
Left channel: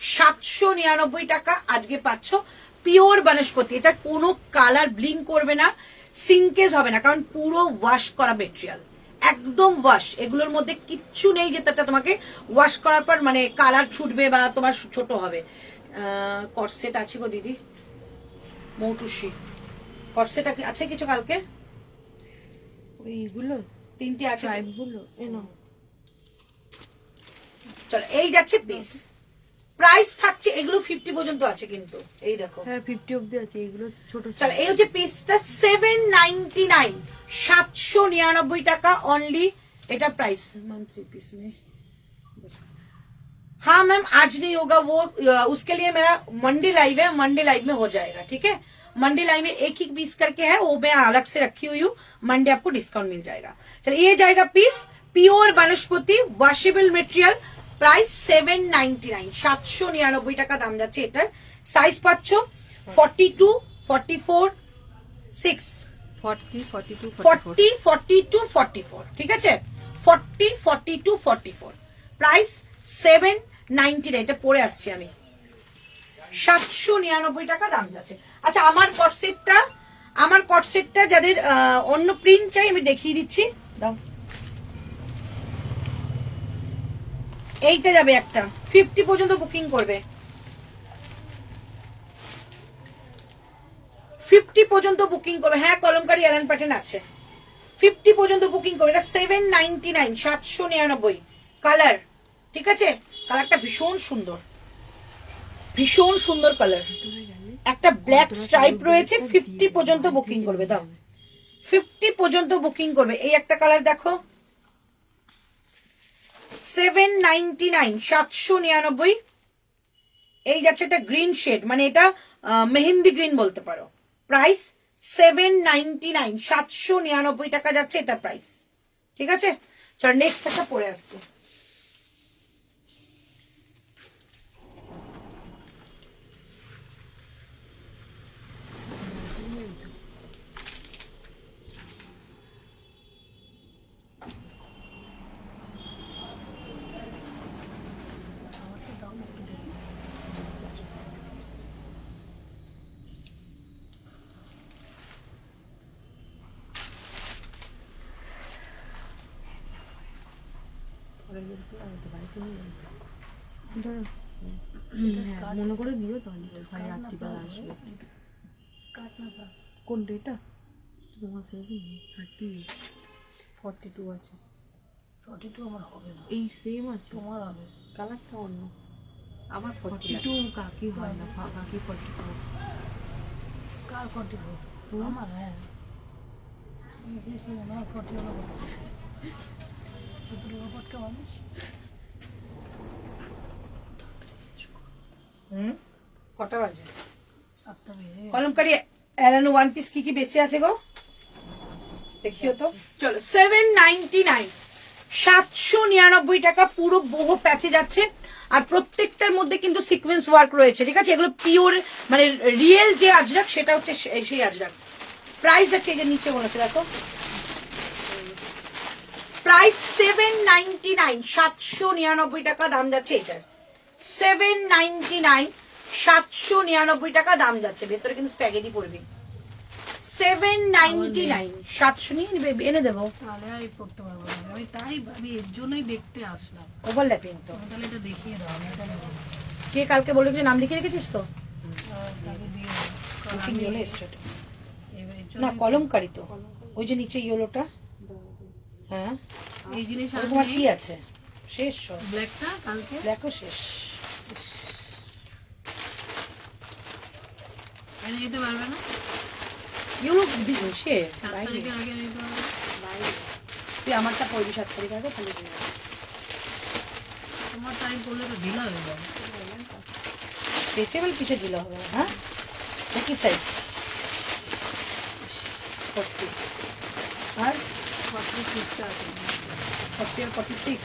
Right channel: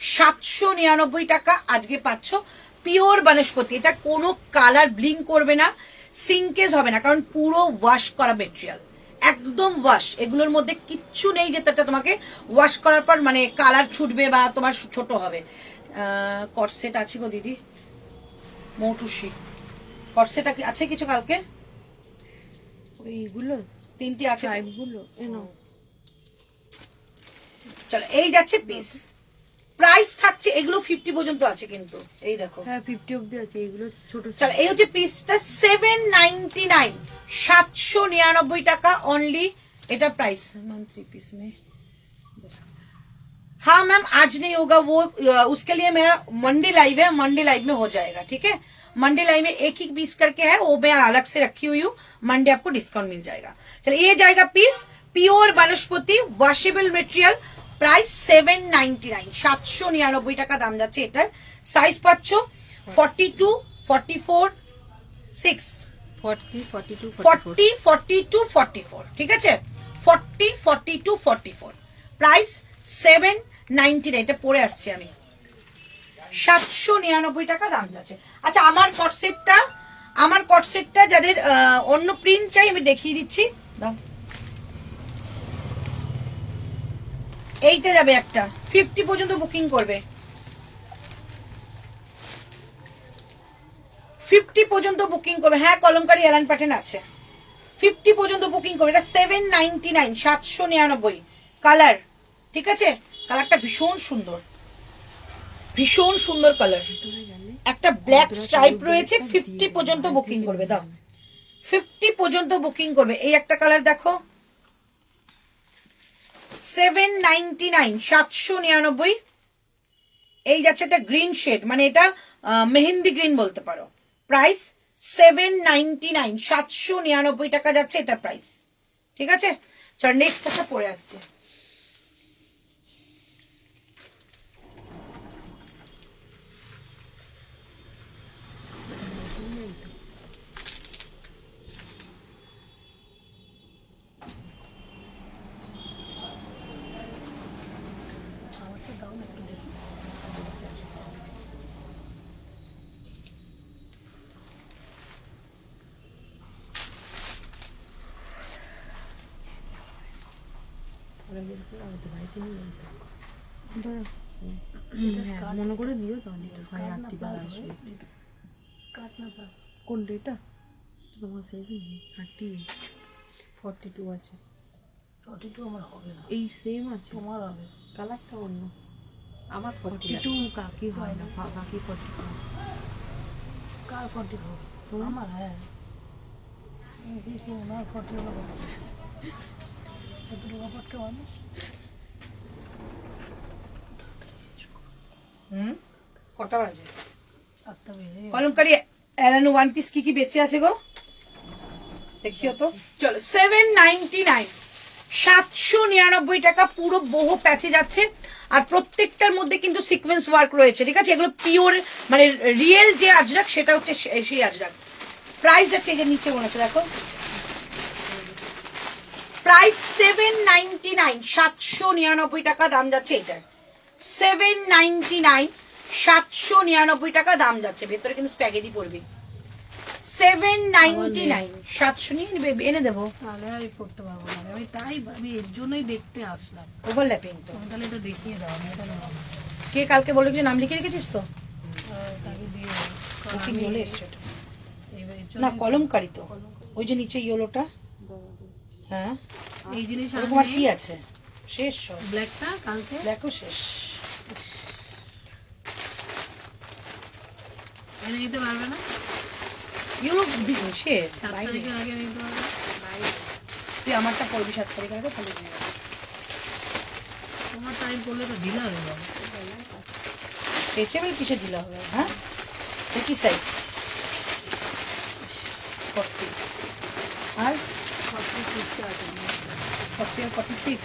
799 টাকা আজকে পাচ্ছ পিওর বনস্পতি। এটা কোনো কালার ব্লিং করবে না, সিঙ্কেজ হবে না, কারণ পুরো ওয়াশ করা মেটেরিয়াল, একদম ওয়াশ। এগুলোর মধ্যে কিচ্ছু নেই যেটা তোমাকে ওয়াশ করার পর মানে কালার ছুটবে বা তোমার ছোট হবে। কটসেট আছে গো দিদি, মৌটুসি কটসেট আছে কিছু কালকে, এইগুলো 3টে আছে এইগুলো এনো। চলো এই যাচ্ছে পিস, প্রাইস থাকছে এগুলো 50 পর্যন্ত আছে, কিন্তু এই দেখো হ্যাঁ 50 অবধি আছে, এইগুলো ছোট। চলো এই হচ্ছে পিসটা 799, 799 টাকা অনলি এটা প্রাইস। मैम 3 पीस में हाँ मैम आज नहीं होगा वो, उसके लिए मैं मंडी लाइव है, मंडी लाइव में हो जाएगा, ठीक है। मंडी लाइव में एक ही पीस करके है, वो मैं अलग से रखी हुई हूँ, मंडे आपको डिस्काउंट मिल जाएगा। चलिए ये जाएगा पीस পিওর বনস্পতি ওয়াশেবল মেটেরিয়াল, প্রাইস 799, 799 টাকা দাম যাচ্ছে এটার। সাইজ পাচ্ছ 42, 44, 6, 40, 42, 40, 42, 44, ঠিক আছে 40, 42, 44। প্রাইস 799, এটা পরে আসছি আমি, 799 টাকা দাম যাচ্ছে। আচ্ছা আমার কটসেটটা যাদের অন্য প্রিন্ট চাই আমি দেখিয়ে দিচ্ছি, দাও। এইটা যাবে একটা, 50 পর্যন্ত বুকিং করবে, 50 পর্যন্ত বুকিং করবে। হ্যাঁ কলমকারী এলান প্যাটার্ন আছে, 50 পর্যন্ত বুকিং করবে। এটা 799, 799 কালার, ঠিক আছে। কালারটা ভীষণ সুন্দর, ভীষণ সুন্দর কালার, একটা ব্ল্যাক স্ট্রাইপ রয়েছে। 50 পর্যন্ত বুকিং করবে, দাও 50 পর্যন্ত বুকিং করবে। এই একটা কালার দেখো 799, 799। এই যাচ্ছে একটা গ্রিন শেড, মানে এটা মেহেন্দি গ্রিন বলতে পারো। প্রাইস 799, 799 টাকা যাচ্ছে এটা প্রাইস, ঠিক আছে। চল নেক্সট একটা পরে আসছে। মনে করে দিও তাহলে 8:30 বেলা আসবে। কোনটা এটা তোমার সাইজ 42 আছে, 42 আমার হবে না, এই সেম আছে তোমার হবে, কালারটা অন্য। আমার 42 কাকি হয় না, কাকি 44 কার 44 তোমার। হ্যাঁ এই বেশি না 44 কটা বাজে? কলমকারি এলানো ওয়ান পিস কি কি বেঁচে আছে গো দেখিও তো। চলো 799, 799 টাকা, পুরো বহু প্যাচে যাচ্ছে। আর প্রত্যেকটার মধ্যে কিন্তু সিকোয়েন্স ওয়ার্ক রয়েছে, ঠিক আছে? এগুলো পিওর মানে রিয়েল যে আজরাক সেটা হচ্ছে সেই আজরাক। প্রাইস আছে এই যে নিচে মনে হচ্ছে দেখো, প্রাইস 799, 799 টাকা দাম যাচ্ছে এটার। 799, 799 টাকা দাম যাচ্ছে। ভেতরে কিন্তু স্প্যাগেটি পড়বে। 799, 700 নিয়ে এনে দেবো। আমি করতে পারবো না, আমি তাই আমি এর জন্যই দেখতে আসলাম। ওভারল্যাপিং তো আমি তাহলে এটা দেখিয়ে দাও, আমি এটা নেবো। কে কালকে বলে যে নাম লিখে রেখেছিস তো? তাকে দিয়ে দাও। বুকিং চলে এসছে এটা। এবার এর না জন্যই কলমকারি তো, ওই যে নিচে ইয়েলোটা। হ্যাঁ এই জিনিস ওরকম আর কি আছে? শেষ সব, ব্ল্যাকটা কালকে দেখো শেষ। এনে দিতে পারবে না, ইউরো শেষ 7 বাইরে। তারিখের আগে এনে দিতে পারবে না? তুই আমারটা পড়বি 7 তারিখ আগে, তাহলে দিয়ে দেবো। তোমার টাইম করলে তো ঢিলা হয়ে যাবে। স্ট্রেচেবল কিসে ঢিলা হবে? হ্যাঁ কি সাইজ? 40 আর 40 আর 46,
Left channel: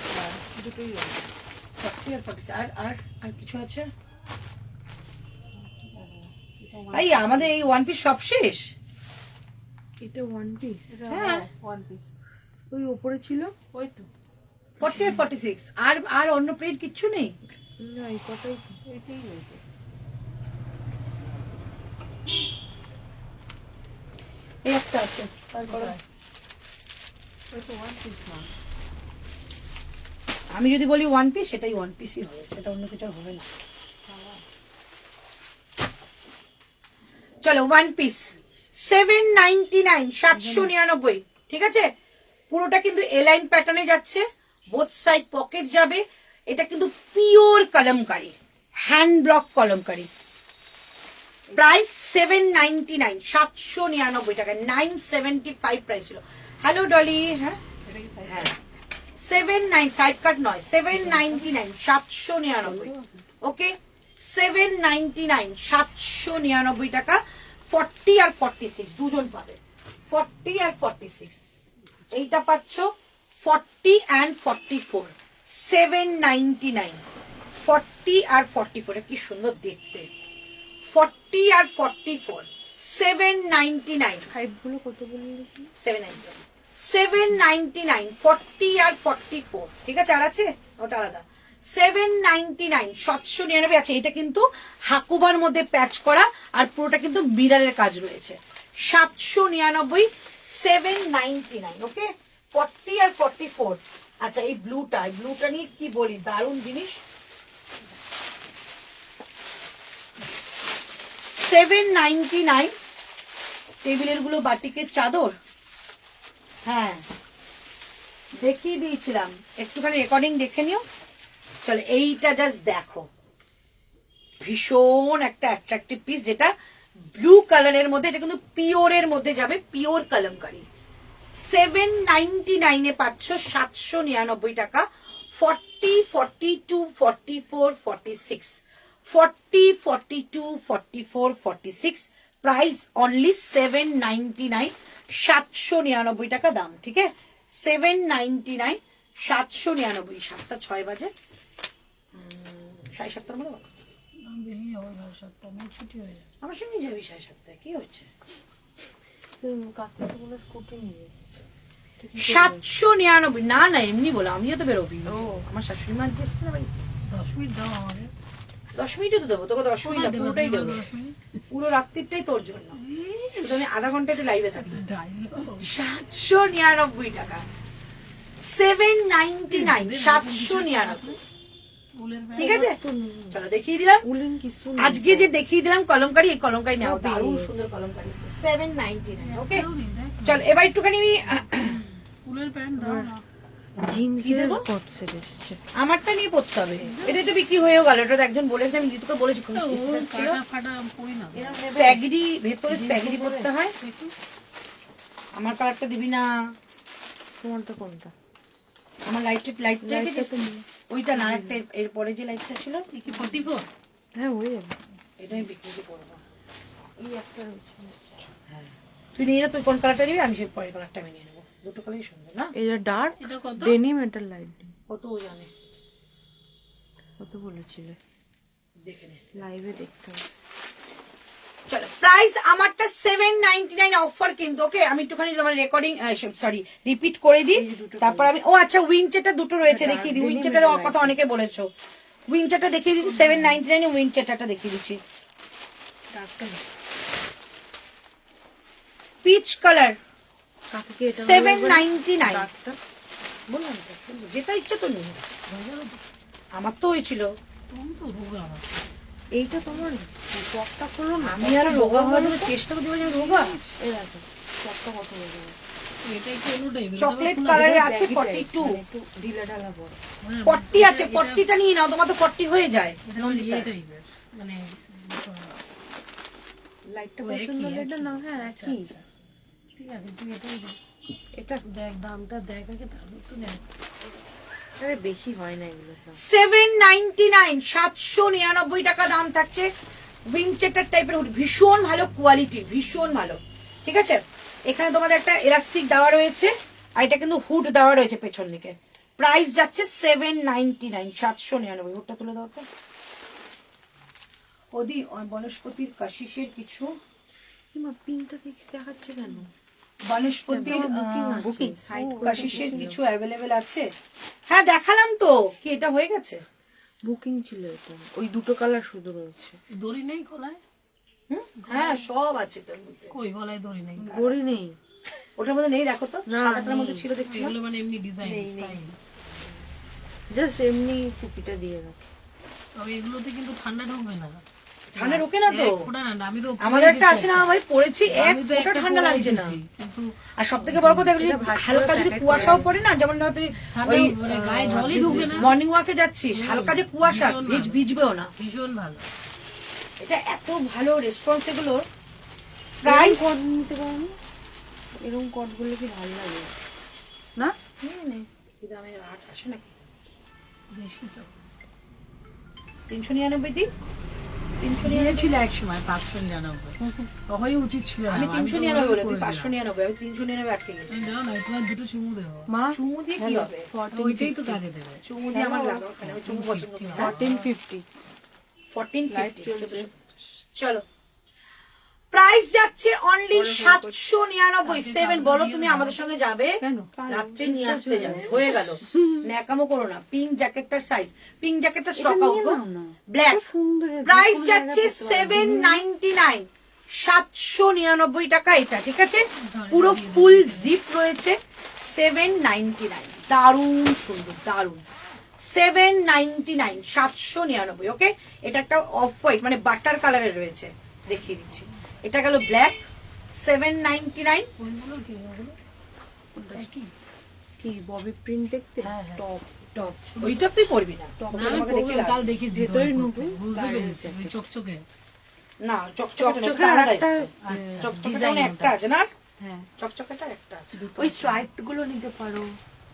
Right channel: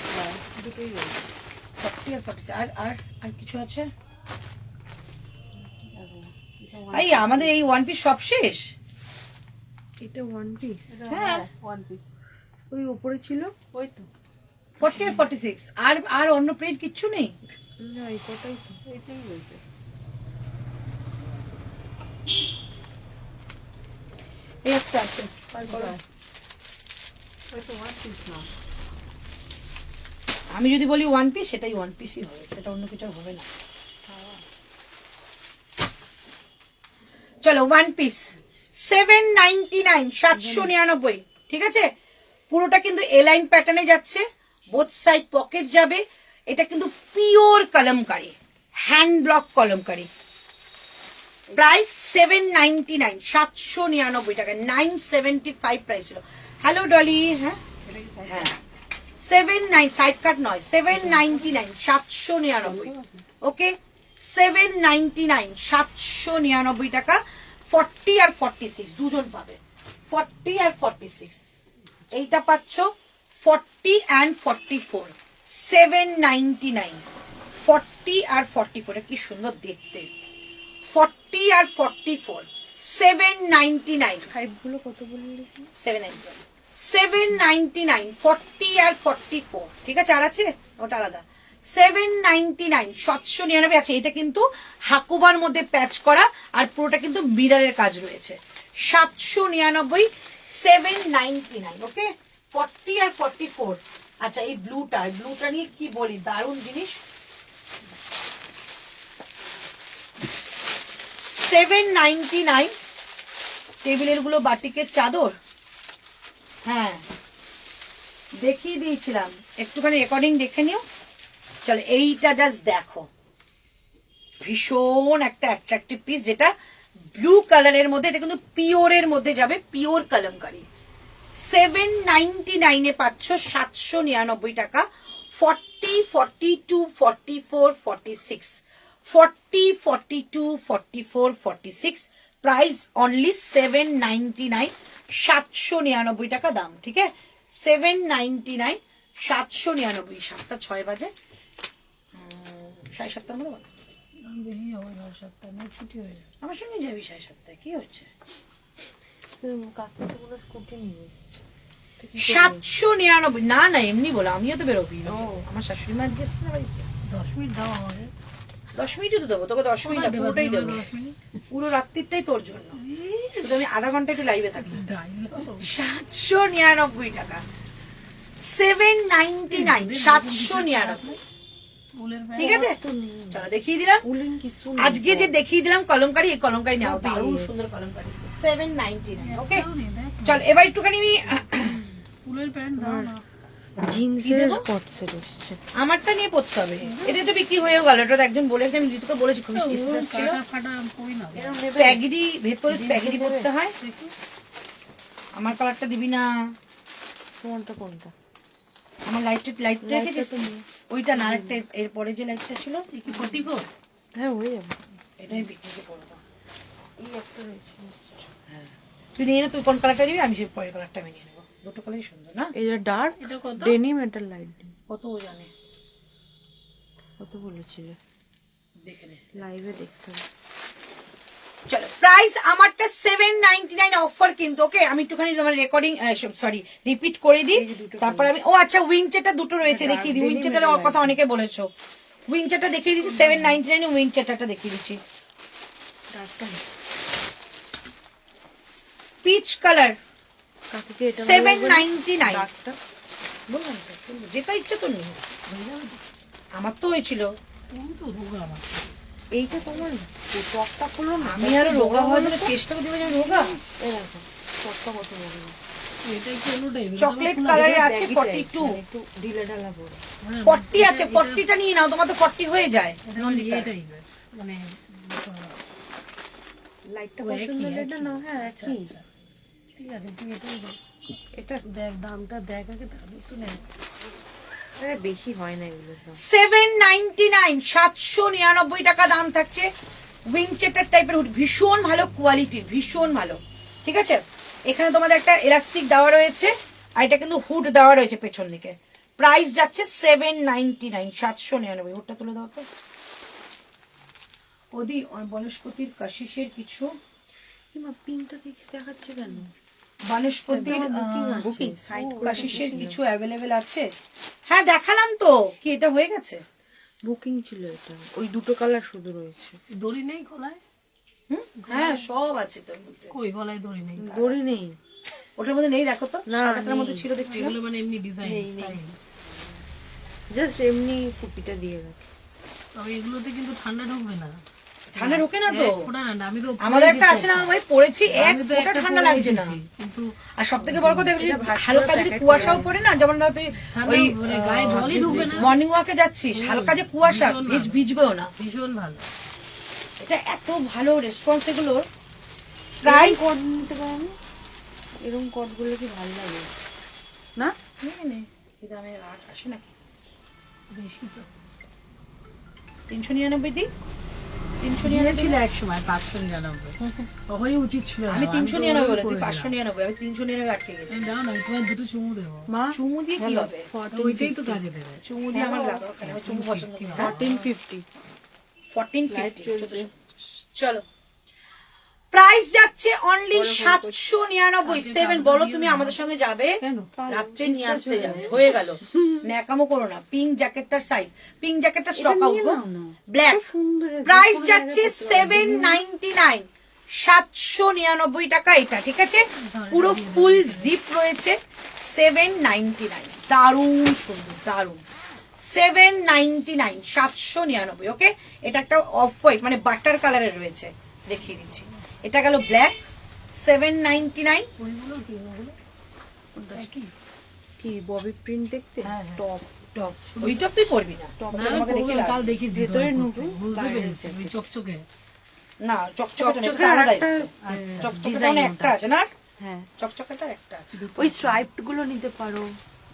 দুটোই আছে। 40 আর 46 আর কিছু আছে? এই আমাদের এই ওয়ান পিস সব শেষ। এটা ওয়ান পিস, হ্যাঁ ওয়ান পিস ওই উপরে ছিল, ওই তো 40 আর 46 আর অন্য প্রিন্ট কিচ্ছু নেই। না এই কটাই তো, এইটাই রয়েছে। এই একটা আছে, আর করো। এটা ওয়ান পিস না, আমি যদি বলি ওয়ান পিস সেটাই ওয়ান পিসই হবে, সেটা অন্য কিছু হবে না। চলো ওয়ান পিস 799, 799, ঠিক আছে? পুরোটা কিন্তু এলাইন প্যাটার্নে যাচ্ছে, বোথ সাইড পকেট যাবে। এটা কিন্তু pure kalamkari, hand block kalamkari. Price 799, 799 টাকা, 975 প্রাইস ছিল। হ্যালো ডলি, হ্যাঁ হ্যাঁ 79, সাইড কাট নয়, 799, 799, ওকে 799, 799 টাকা। 40 আর 46 দুজন পাবে, 40 আর 46। এইটা পাচ্ছ 40 and 44, 799, 40 আর 44। কি সুন্দর দেখতে, 40 আর 44, 799, হাইট গুলো কত বললিস? 799, 799, 40 আর 44, ঠিক আছে? আর আছে ওটা আলাদা। 799, 799 আছে। এটা কিন্তু হাকুবার মধ্যে প্যাচ করা আর পুরোটা কিন্তু বিড়ালের কাজ রয়েছে। 799, 799, ওকে 40 আর 44। আচ্ছা এই ব্লুটা নিয়ে কি বলি, দারুণ জিনিস। 799, টেবিলের গুলো বাটিকের চাদর। হ্যাঁ দেখিয়ে দিয়েছিলাম, একটুখানি রেকর্ডিং দেখে নিও। চলো এইটা জাস্ট দেখো, ভীষণ একটা অ্যাট্রাকটিভ পিস, যেটা ব্লু কালারের মধ্যে, এটা কিন্তু পিওরের মধ্যে যাবে, পিওর কলমকারি। 799 এ পাচ্ছ 799 টাকা। 40, 42, 44, 46, 40, 42, 44, 46, প্রাইস অনলি 799, 799 টাকা দাম, ঠিক আছে? 799, 799। 7:06 বাজে, 7:30 মনে হয়। বেশি হবে না, 7টা নিয়ে ছুটি হয়ে যাবে। আমার সঙ্গে যাবি 7:30, কি হচ্ছে? কাকিটা বলে স্কুটি নিয়ে এসেছে। 799, না না এমনি বলো, আমিও তো বেরোবি। আমার শাশুড়ি মা গেছে না বাড়িতে। 10 মিনিট দাও আমাকে। 10 মিনিটই তো দেবো তোকে, 10 মিনিট না, পুরোটাই দেবো, 10 মিনিট। পুরো রাত্রিটাই তোর জন্য। শুধু আমি আধা ঘন্টা একটু লাইভে থাকি। ড্রাইভার 799 টাকা, 799, 799, ফুলের ঠিক আছে? চলো দেখিয়ে দিলাম উলিং কিছু আজকে যে দেখিয়ে দিলাম কলমকারি, এই কলমকারি নাও, দারুণ সুন্দর কলমকারি, 799, ওকে? চল এবার একটুখানি আমি ফুলের প্যান্ট দাও না। আমারটা নিয়ে পড়তে হবে, এটা তো বিক্রি হয়েও গেল। এটা তো একজন বলেছে, আমি ঋতুকে বলেছি, খুব স্পেশাল ছিল। ফাটা করি না। স্প্যাগেটি, ভেতরে স্প্যাগেটি করতে হয়। আমার কালারটা দিবি না, কোনটা কোনটা? আমার আমার লাইটটা রেখে দিস ওইটা না, আরেকটা এরপরে যে লাইটটা ছিল 44 হ্যাঁ হয়ে যাবে। এটাই বিক্রি করবো। এই একটা রয়েছে হ্যাঁ তুই নিয়ে না, তুই কোন কালারটা নিবি, আমি সেই পরের কালারটা আমি নিয়ে নেবো। দুটো কালারই সুন্দর না? এটা ডার্ক এটা কত? ডেনিম, এটা লাইট ডিম। কত ও জানে, কত বলেছিলে? দেখে নে। লাইভে দেখতে হবে। চলো প্রাইস আমারটা 799 অফার কিন্তু। ওকে আমি একটুখানি তোমার রেকর্ডিং সরি রিপিট করে দিই, তারপর আমি ও আচ্ছা উইনচেটা দুটো রয়েছে দেখিয়ে দিই। উইনচেটার কথা অনেকে বলেছো, উইনচেটা দেখিয়ে দিচ্ছি 799 এ উইনচেটাটা দেখিয়ে দিচ্ছি। পিচ কালার কাকুকে এটা 799 ডার্কটা বললাম তো, যেটা ইচ্ছা তো নেই, আমার তো হয়েছিল। তুমি তো রোগা আমার। এইটা তোমার টকটা খুলবো না, আমি আরো রোগা হওয়ার জন্য চেষ্টা করতে পারি, রোগা এই আছে টকটা কত হয়ে যাবে। এটাই কি অনুটাই? চকলেট কালারের আছে 42, একটু ঢিলা ঢালা পড়ে। 40 আছে, 40টা নিয়ে নাও, তোমার তো 40 হয়ে যায়। নন্দিতা এটাই মানে লাইটটা ও পছন্দ একই, হলে এটা না, হ্যাঁ একই। ঠিক আছে তুই এটাই দেখ। এটা দেখ দামটা দেখ আগে, তারপর কিনে নে। আরে বেশি হয় না এগুলো সব। 799 799 টাকা দাম থাকছে। উইনচেটার টাইপের হুড, ভীষণ ভালো কোয়ালিটির, ভীষণ ভালো। ঠিক আছে, এখানে তোমাদের একটা এলাস্টিক দেওয়া রয়েছে, আর এটা কিন্তু হুড দেওয়া রয়েছে পেছন দিকে। প্রাইস যাচ্ছে 799 799। হুডটা তুলে দাও তো ওদি। বনস্পতির কাশিসের কিছু, কিমা পিনটা দেখাচ্ছে কেন? বনস্পতির বুকিং কাশিসের কিছু অ্যাভেলেবেল আছে। হ্যাঁ দেখালাম তো, কি এটা হয়ে গেছে? বুকিং ছিল এটা, ওই দুটো কালার শুধু রয়েছে। দড়ি নেই গলায়? হুম? হ্যাঁ সব আছে তোর মধ্যে। কই গলায় দড়ি নেই? গড়ি নেই, ওটার মধ্যে নেই, দেখো তো না, সাদাটার মধ্যে ছিল দেখছি। এগুলো মানে এমনি ডিজাইন নেই, নেই। স্টাইল। জাস্ট এমনি টুপিটা দিয়ে রাখি। তবে এগুলোতে কিন্তু ঠান্ডা ঢুকবে না। ঠান্ডা ঢোকে না তো? এক ফোঁটা না, আমি তো আমাদের একটা আছে না ভাই, পড়েছি এক আমি তো ফোঁটা একটা ঠান্ডা পরে লাগছে না। এসেছি, কিন্তু আর সব থেকে বড় কথা, যদি হালকা যদি কুয়াশাও পড়ে না, যেমন ধর তুই ঠান্ডা ওই মানে গায়ে জলই ঢুকবে না। মর্নিং ওয়াকে যাচ্ছিস, হালকা যে কুয়াশা, ভিজবেও না। ভীষণ ভালো। এটা এত ভালো রেসপন্স এগুলোর। প্রাইস কট নিতে পারো না? এরকম কট গুলো কি ভালো লাগে না? এই দামে আর আসে নাকি? বেশি তো 399 দিই, 399 নিয়েছিল এক সময় 599। তখনই উচিত ছিল। আমি আমার। 399 বলে তুই 599, আমি 399 আটকে গেছি। দাও না, তোমার দুটো চুমু দেবো। মা চুমু দিয়ে কি হবে? ওইটাই তো কাজে দেবে। চুমু দিয়ে আমার লাগাও কেন? আমি চুমু পছন্দ করি না। 1450 লাইট 1450 চলছে। চলো প্রাইস যাচ্ছে অনলি 799। 7 বলো তুমি আমাদের সঙ্গে যাবে, কেন? রাত্রে নিয়ে আসতে যাবে, হয়ে গেল। ন্যাকামো করো না। পিঙ্ক জ্যাকেটটার সাইজ, পিঙ্ক জ্যাকেটটা স্টক আউট গো, ব্ল্যাক। সুন্দর প্রাইস যাচ্ছে 799 799 টাকা এটা। ঠিক আছে, পুরো ফুল জিপ রয়েছে 799। দারুণ সুন্দর, দারুণ। 799 799। ওকে, এটা একটা অফ হোয়াইট মানে বাটার কালারের রয়েছে, দেখিয়ে দিচ্ছি। এটা গেল ব্ল্যাক 799। ওইগুলো কি ওগুলো? একই। কি ববি প্রিন্ট দেখতে? হ্যাঁ, হ্যাঁ। টপ টপ, ওইটা তুই পরবি না। টপ না, আমি পরবো, কাল দেখেছি ভেতরে তোমায় নুপি, পরতে। বুঝতে পেরেছি, ওই চকচকে। না চকচকে এটা আলাদা এসছে। চকচকেটা মানে একটা আছে না, হ্যাঁ চকচকেটা একটা আছে। ওই স্ট্রাইপড গুলো নিতে পারো।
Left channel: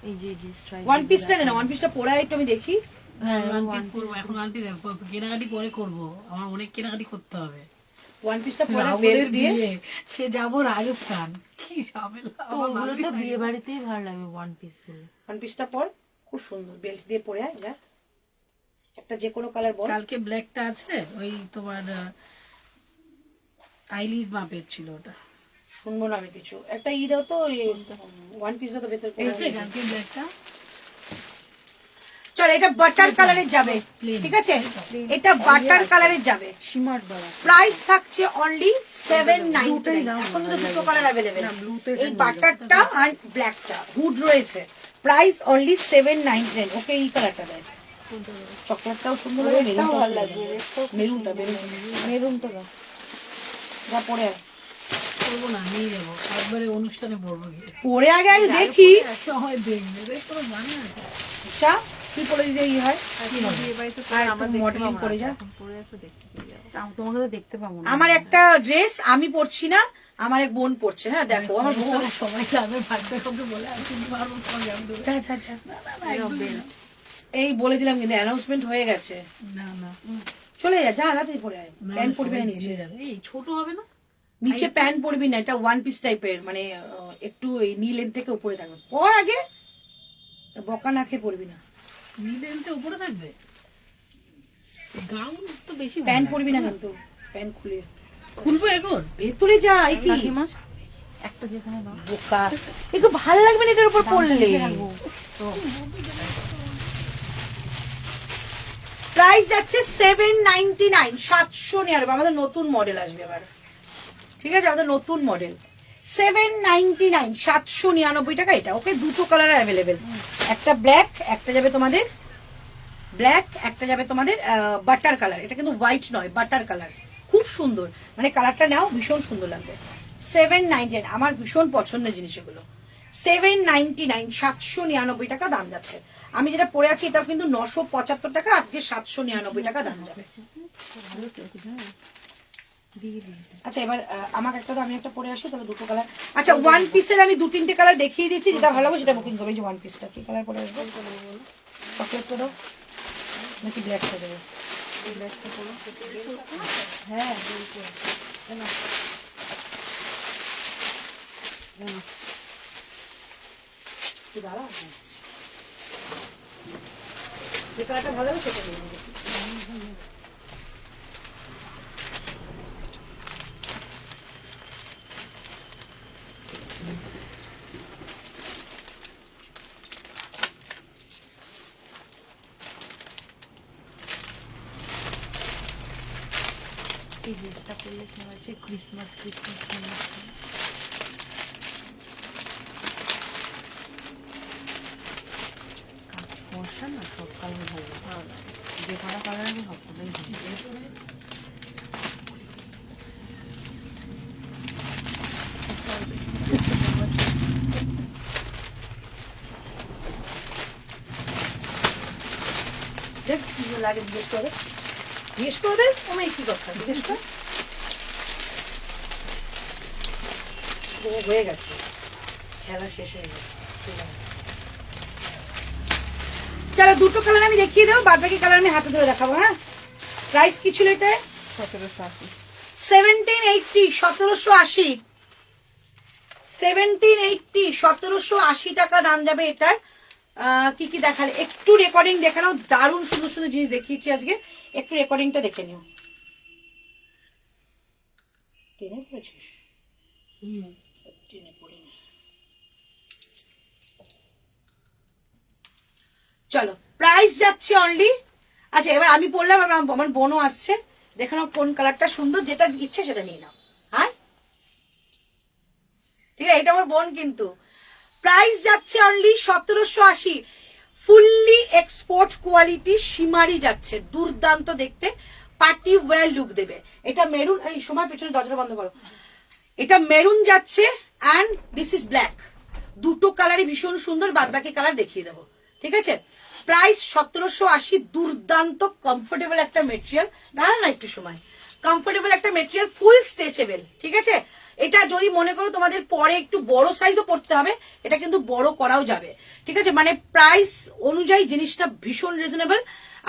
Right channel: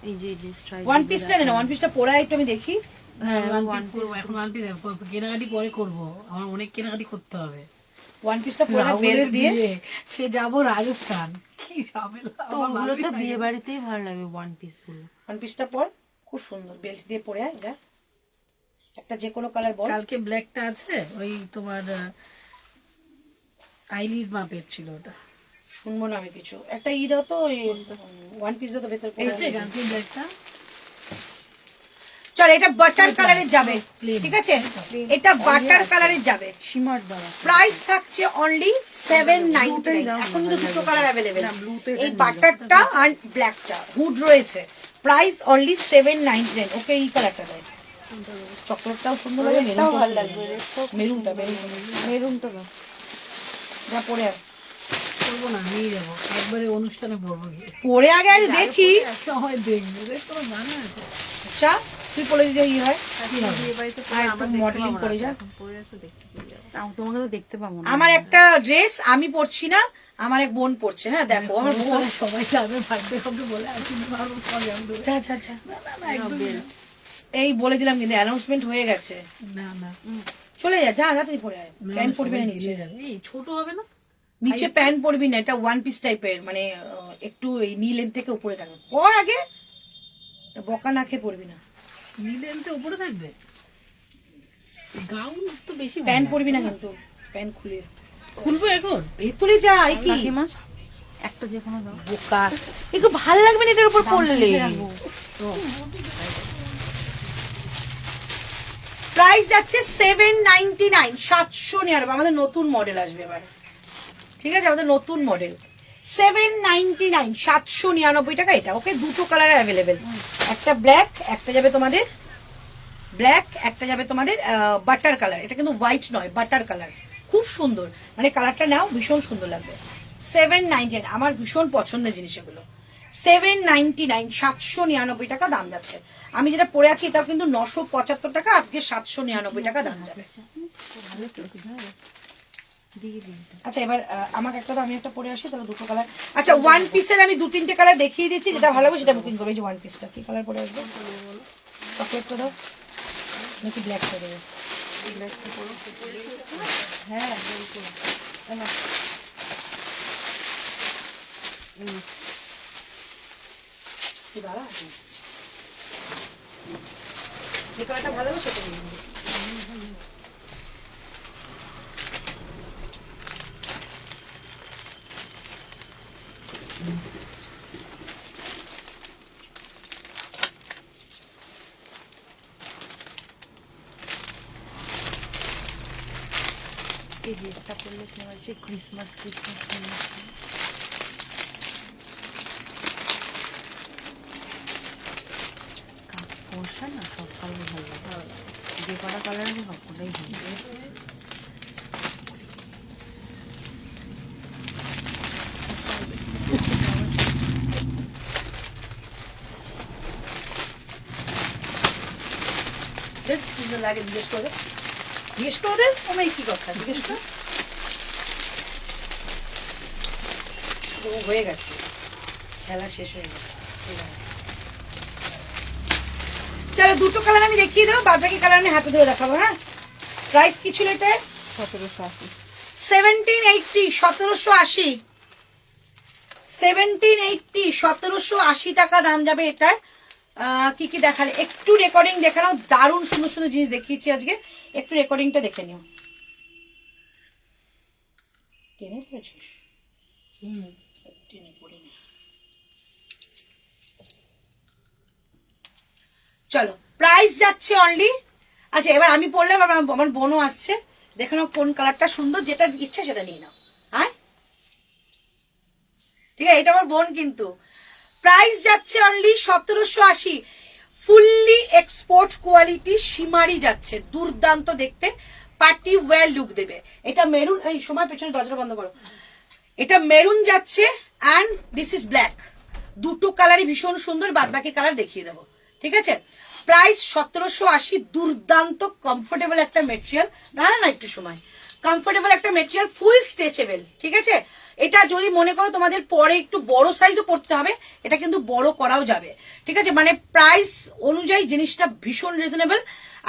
এই যে স্ট্রাইপ ওয়ান পিসটা নে না, ওয়ান পিসটা পরে একটু আমি দেখি। হ্যাঁ, one piece করবো, এখন one piece কেনাকাটি পরে করবো। আমার অনেক কেনাকাটি করতে হবে। ওয়ান পিসটা পরে বেল্ট রাহুলের দিয়ে। বিয়ে, সে যাবো রাজস্থান, কি ঝামেলা। তো ওগুলো তো বিয়ে বাড়িতেই ভালো লাগে ওয়ান পিস গুলো। ওয়ান পিসটা পর, খুব সুন্দর বেল্ট দিয়ে পরে আয়। যা একটা যে কোনো কালার বল। কালকে ব্ল্যাকটা আছে, ওই তোমার আইলিড মাপের ছিল ওটা। শুনবো না আমি কিছু। একটা ই দাও তো, ওয়ান পিস দাও তো ভেতর পরে। আছে কালকে ব্ল্যাকটা। চল এটা বাটার কালারের যাবে, ঠিক আছে, এটা বাটার কালারের যাবে। সীমার দ্বারা প্রাইস থাকছে অনলি 799। এখন তো দুটো কালার অ্যাভেলেবেল, এই বাটারটা আর ব্ল্যাকটা, হুড রয়েছে। Price only 799। ওকে এই কালারটা দেয়, চকলেটটাও সুন্দর লাগে, মেরুনটাও ভালো লাগবে। মেরুনটা মেরুনটা দাও। যা পরে আয়, করবো না, নিয়ে যাবো একবারে অনুষ্ঠানে পড়বো গিয়ে। পরে আগে আগে দেখি। সবাই দেখবে, দেখো জানো এটা। আচ্ছা তুই পরে যদি ই হয়, বিয়ে বাড়িতে আর একটু মডেলিং করে যা। পরে আসো দেখতে পেয়ে যাবো। তোমাকে তো দেখতে পাবো না। আমার একটা ড্রেস আমি পরছি না, আমার এক বোন পড়ছে, হ্যাঁ দেখো আমার বোন। সবাই যাবে বার্থডে করতে বলে আর কিন্তু পারবো যা যা যা এই বলে দিলাম কিন্তু অ্যানাউন্সমেন্ট হয়ে গেছে। না না চলে যা, যা তাড়াতাড়ি পরে আয়। প্যান্ট পরবি না নিচে, যাবে এই ছোট হবে না নিচে প্যান্ট পরবি না, এটা ওয়ান পিস টাইপের, মানে একটু এই নি লেন্থ থেকে উপরে থাকবে। পর আগে বকা না খেয়ে পরবি না, নিলেনতে উপরে থাকবে। গাউন তো বেশি প্যান্ট পরবি না কিন্তু, প্যান্ট খুলে খুলবো এখন। ভেতরে যা। এই কি কাকিমা একটা যে কোনো দাও। বোকা, একটু ভাল লাগবে না এটার উপর পড়লে। প্রাইস যাচ্ছে 799, 799। আমাদের নতুন মডেল আসবে এবার, ঠিক আছে, আমাদের নতুন মডেল 799, 799 টাকা এটা। ওকে, দুটো কালার অ্যাভেলেবেল, একটা ব্ল্যাক, একটা যাবে তোমাদের ব্ল্যাক, একটা যাবে তোমাদের বাটার কালার। এটা কিন্তু হোয়াইট নয়, বাটার কালার, খুব সুন্দর, মানে কালারটা নাও, ভীষণ সুন্দর লাগবে। 799, আমার ভীষণ পছন্দের জিনিস এগুলো। 799, 799 টাকা দাম যাচ্ছে। আমি যেটা পরে আছি এটাও কিন্তু 975 টাকা, আজকে 799 টাকা দাম যাবে। আচ্ছা এবার আমাকে একটা, আমি একটা পরে আসি, তাহলে দুটো কালার। আচ্ছা ওয়ান পিসের আমি 2-3টে কালার দেখিয়ে দিচ্ছি, যেটা ভালো হবে সেটা বুকিং করবে। এই যে ওয়ান পিসটা কি কালার পরে আসবে, চকলেটটা দাও নাকি ব্ল্যাকটা দেবো? হ্যাঁ দাঁড়া, যে কালারটা ভালো হবে সেটা নিয়ে নেবো। এই ড্রেসটা পরলে কি হচ্ছে, ক্রিসমাস ফর্সা না, সব কালার ভালো লাগে, যে কটা কালার হবে সবটাই ভালো। দেখ কি লাগে, জিজ্ঞেস করে জিজ্ঞেস করে দেন। আমার কি কথা জিজ্ঞেস কর, হয়ে গেছে, খেলা শেষ হয়ে গেছে। চলো দুটো কালার আমি দেখিয়ে দেবো, বাদ বাকি কালার আমি হাতে ধরে দেখাবো। হ্যাঁ, প্রাইস কি ছিল এটা? 1780। 1780, 1780, 1780, 1780 টাকা দাম যাবে এটার। কি কি দেখালে একটু রেকর্ডিং দেখানো, দারুণ সুন্দর সুন্দর জিনিস দেখিয়েছি আজকে, একটু রেকর্ডিংটা দেখে নিও। টেনে পড়েছিস? টেনে পড়ি না। চলো প্রাইস যাচ্ছে অনলি, আচ্ছা এবার আমি পড়লাম, আমার বোনও আসছে, দেখে নাও কোন কালারটা সুন্দর, যেটা ইচ্ছে সেটা নিয়ে নাও। হ্যাঁ ঠিক আছে, এটা আমার বোন কিন্তু। প্রাইস যাচ্ছে অনলি 1780, ফুললি এক্সপোর্ট কোয়ালিটি সীমারি যাচ্ছে, দুর্দান্ত দেখতে, পার্টি ওয়্যার লুক দেবে। এটা মেরুন, এই সময় পেছনে দরজা বন্ধ করো, এটা মেরুন যাচ্ছে অ্যান্ড দিস ইজ ব্ল্যাক, দুটো কালারই ভীষণ সুন্দর, বাদ বাকি কালার দেখিয়ে দেবো, ঠিক আছে। প্রাইস 1780, দুর্দান্ত কমফোর্টেবল একটা মেটেরিয়াল, দাঁড়া না একটু সময়, কমফোর্টেবল একটা মেটেরিয়াল, ফুল স্ট্রেচেবল, ঠিক আছে। এটা যদি মনে করো তোমাদের পরে একটু বড় সাইজও পড়তে হবে, এটা কিন্তু বড় করাও যাবে, ঠিক আছে। মানে প্রাইস অনুযায়ী জিনিসটা ভীষণ রিজনেবল।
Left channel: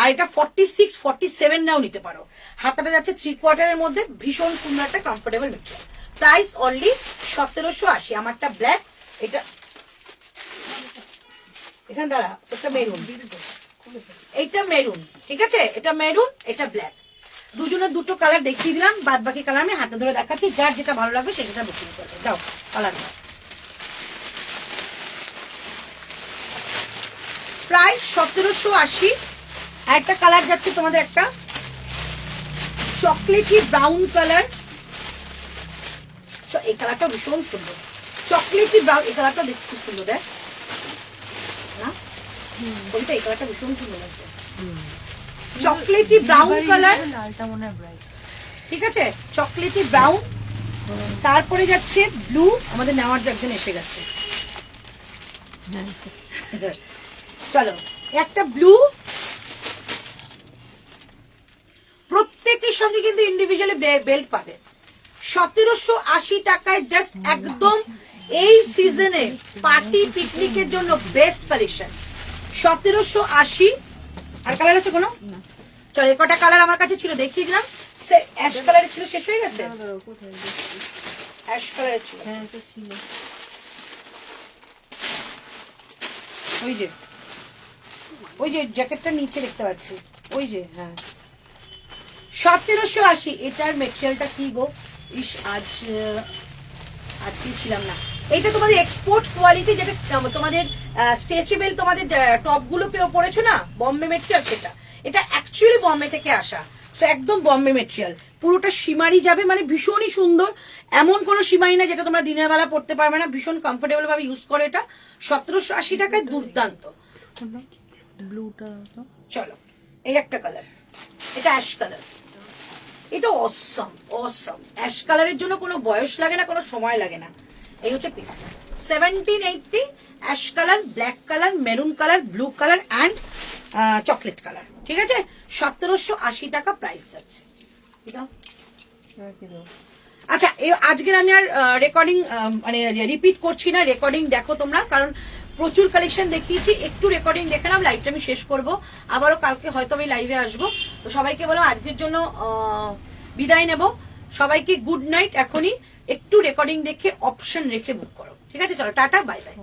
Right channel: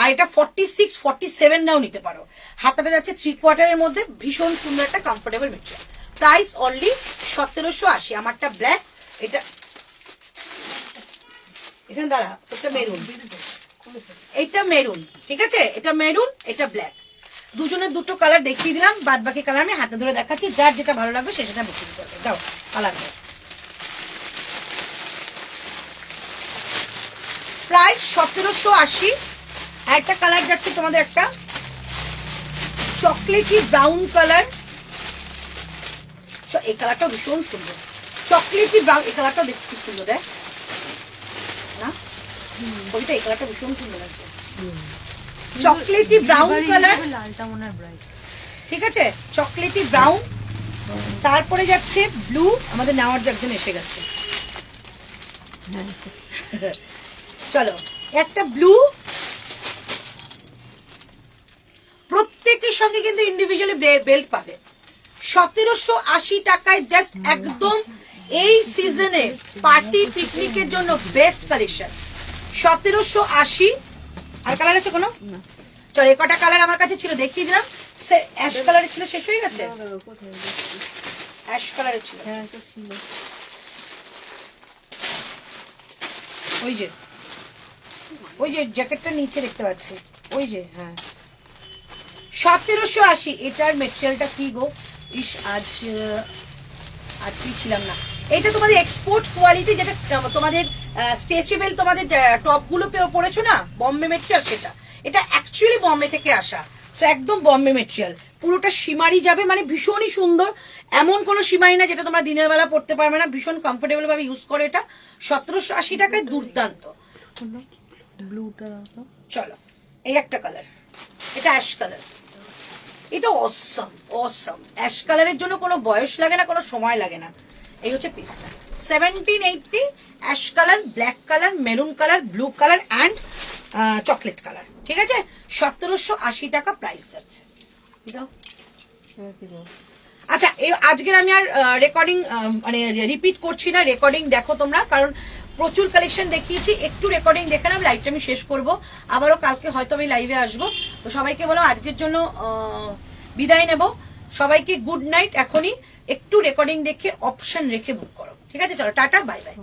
আর এটা 46, 47 নাও নিতে পারো। হাতাটা যাচ্ছে 3/4 মধ্যে, ভীষণ সুন্দর একটা কমফোর্টেবল মেটেরিয়াল। Price only 1780। আমারটা ব্ল্যাক, এটা এখানে দাঁড়া, এটা মেরুন, এটা মেরুন, ঠিক আছে, এটা মেরুন, এটা ব্ল্যাক, দুজনের দুটো কালার দেখিয়ে দিলাম, বাদ বাকি কালার আমি হাতে ধরে দেখাচ্ছি, যার যেটা ভালো লাগবে সেটা বুকিং করবে। দাও কালার দাও। প্রাইস 1780। একটা কালার যাচ্ছে তোমাদের একটা চকলেটি ব্রাউন কালার, এই কালারটা ভীষণ সুন্দর, চকলেটি ব্রাউন, এই কালারটা দেখতে সুন্দর, দেখ না কবিতা, এই কালারটা ভীষণ সুন্দর লাগছে, চকলেটি ব্রাউন কালার, লালটা মনে হয় ব্রাইট, ঠিক আছে, চকলেটি ব্রাউন। তারপরে যাচ্ছে ব্লু, আমাদের নেওয়ার একজন এসে গেছে, চলো একটা ব্লু, প্রত্যেকের সঙ্গে কিন্তু ইন্ডিভিজুয়ালি বেল্ট পাবে, 1780 টাকায় জাস্ট একদম এই সিজনে পার্টি পিকনিকের জন্য বেস্ট কালেকশন। 1780। আর কালার আছে কোনো? চলো, এ কটা কালার আমার কাছে ছিল, দেখিয়ে দিলাম। অ্যাশ কালারের ছিল, শেষ হয়ে গেছে। অ্যাশ কালারের ছিল, হ্যাঁ তো ছিল। ওই যে জ্যাকেটটা নিচে দেখতে পাচ্ছি, ওই যে, হ্যাঁ 1780। এটার মেটেরিয়ালটা কি গো, ইস আজকে ছিলাম না। এটা তোমাদের এক্সপোর্ট কোয়ালিটি, যেটা তোমাদের স্ট্রেচেবল তোমাদের টপ গুলো পড়েছো না, বম্বে মেটেরিয়াল সেটা। এটা অ্যাকচুয়ালি বম্বে থেকে আসা, তো একদম বম্বে মেটেরিয়াল। পুরোটা সীমারি যাবে, মানে ভীষণই সুন্দর। এমন কোনো সীমারি না যেটা তোমরা দিনের বেলা পড়তে পারবে না, ভীষণ কমফোর্টেবল ভাবে ইউজ করে। এটা 1780 টাকায় দুর্দান্ত। ব্লুটা চলো, এই একটা কালার, এটা অ্যাশ কালার। এটা অসম অসম। অ্যাশ কালারের জন্য কোনো বয়স লাগে না, কোনো সময় লাগে না। এই হচ্ছে পিসটা। 1780, ash colour, black colour, maroon colour, blue colour and chocolate colour. ঠিক আছে, 1780 টাকা প্রাইস যাচ্ছে। আচ্ছা, আজকের আমি আর রেকর্ডিং মানে রিপিট করছি না, রেকর্ডিং দেখো তোমরা, কারণ প্রচুর কালেকশন দেখিয়েছি। একটু রেকর্ডিং দেখে নাও, লাইভটা আমি শেষ করবো। আবারও কালকে হয়তো আমি লাইভে আসবো। তো সবাইকে বলো আজকের জন্য বিদায় নেব। সবাইকে গুড নাইট। এখনই একটু রেকর্ডিং দেখে অপশন রেখে বুক করো। ঠিক আছে, চলো টাটা, বাই বাই।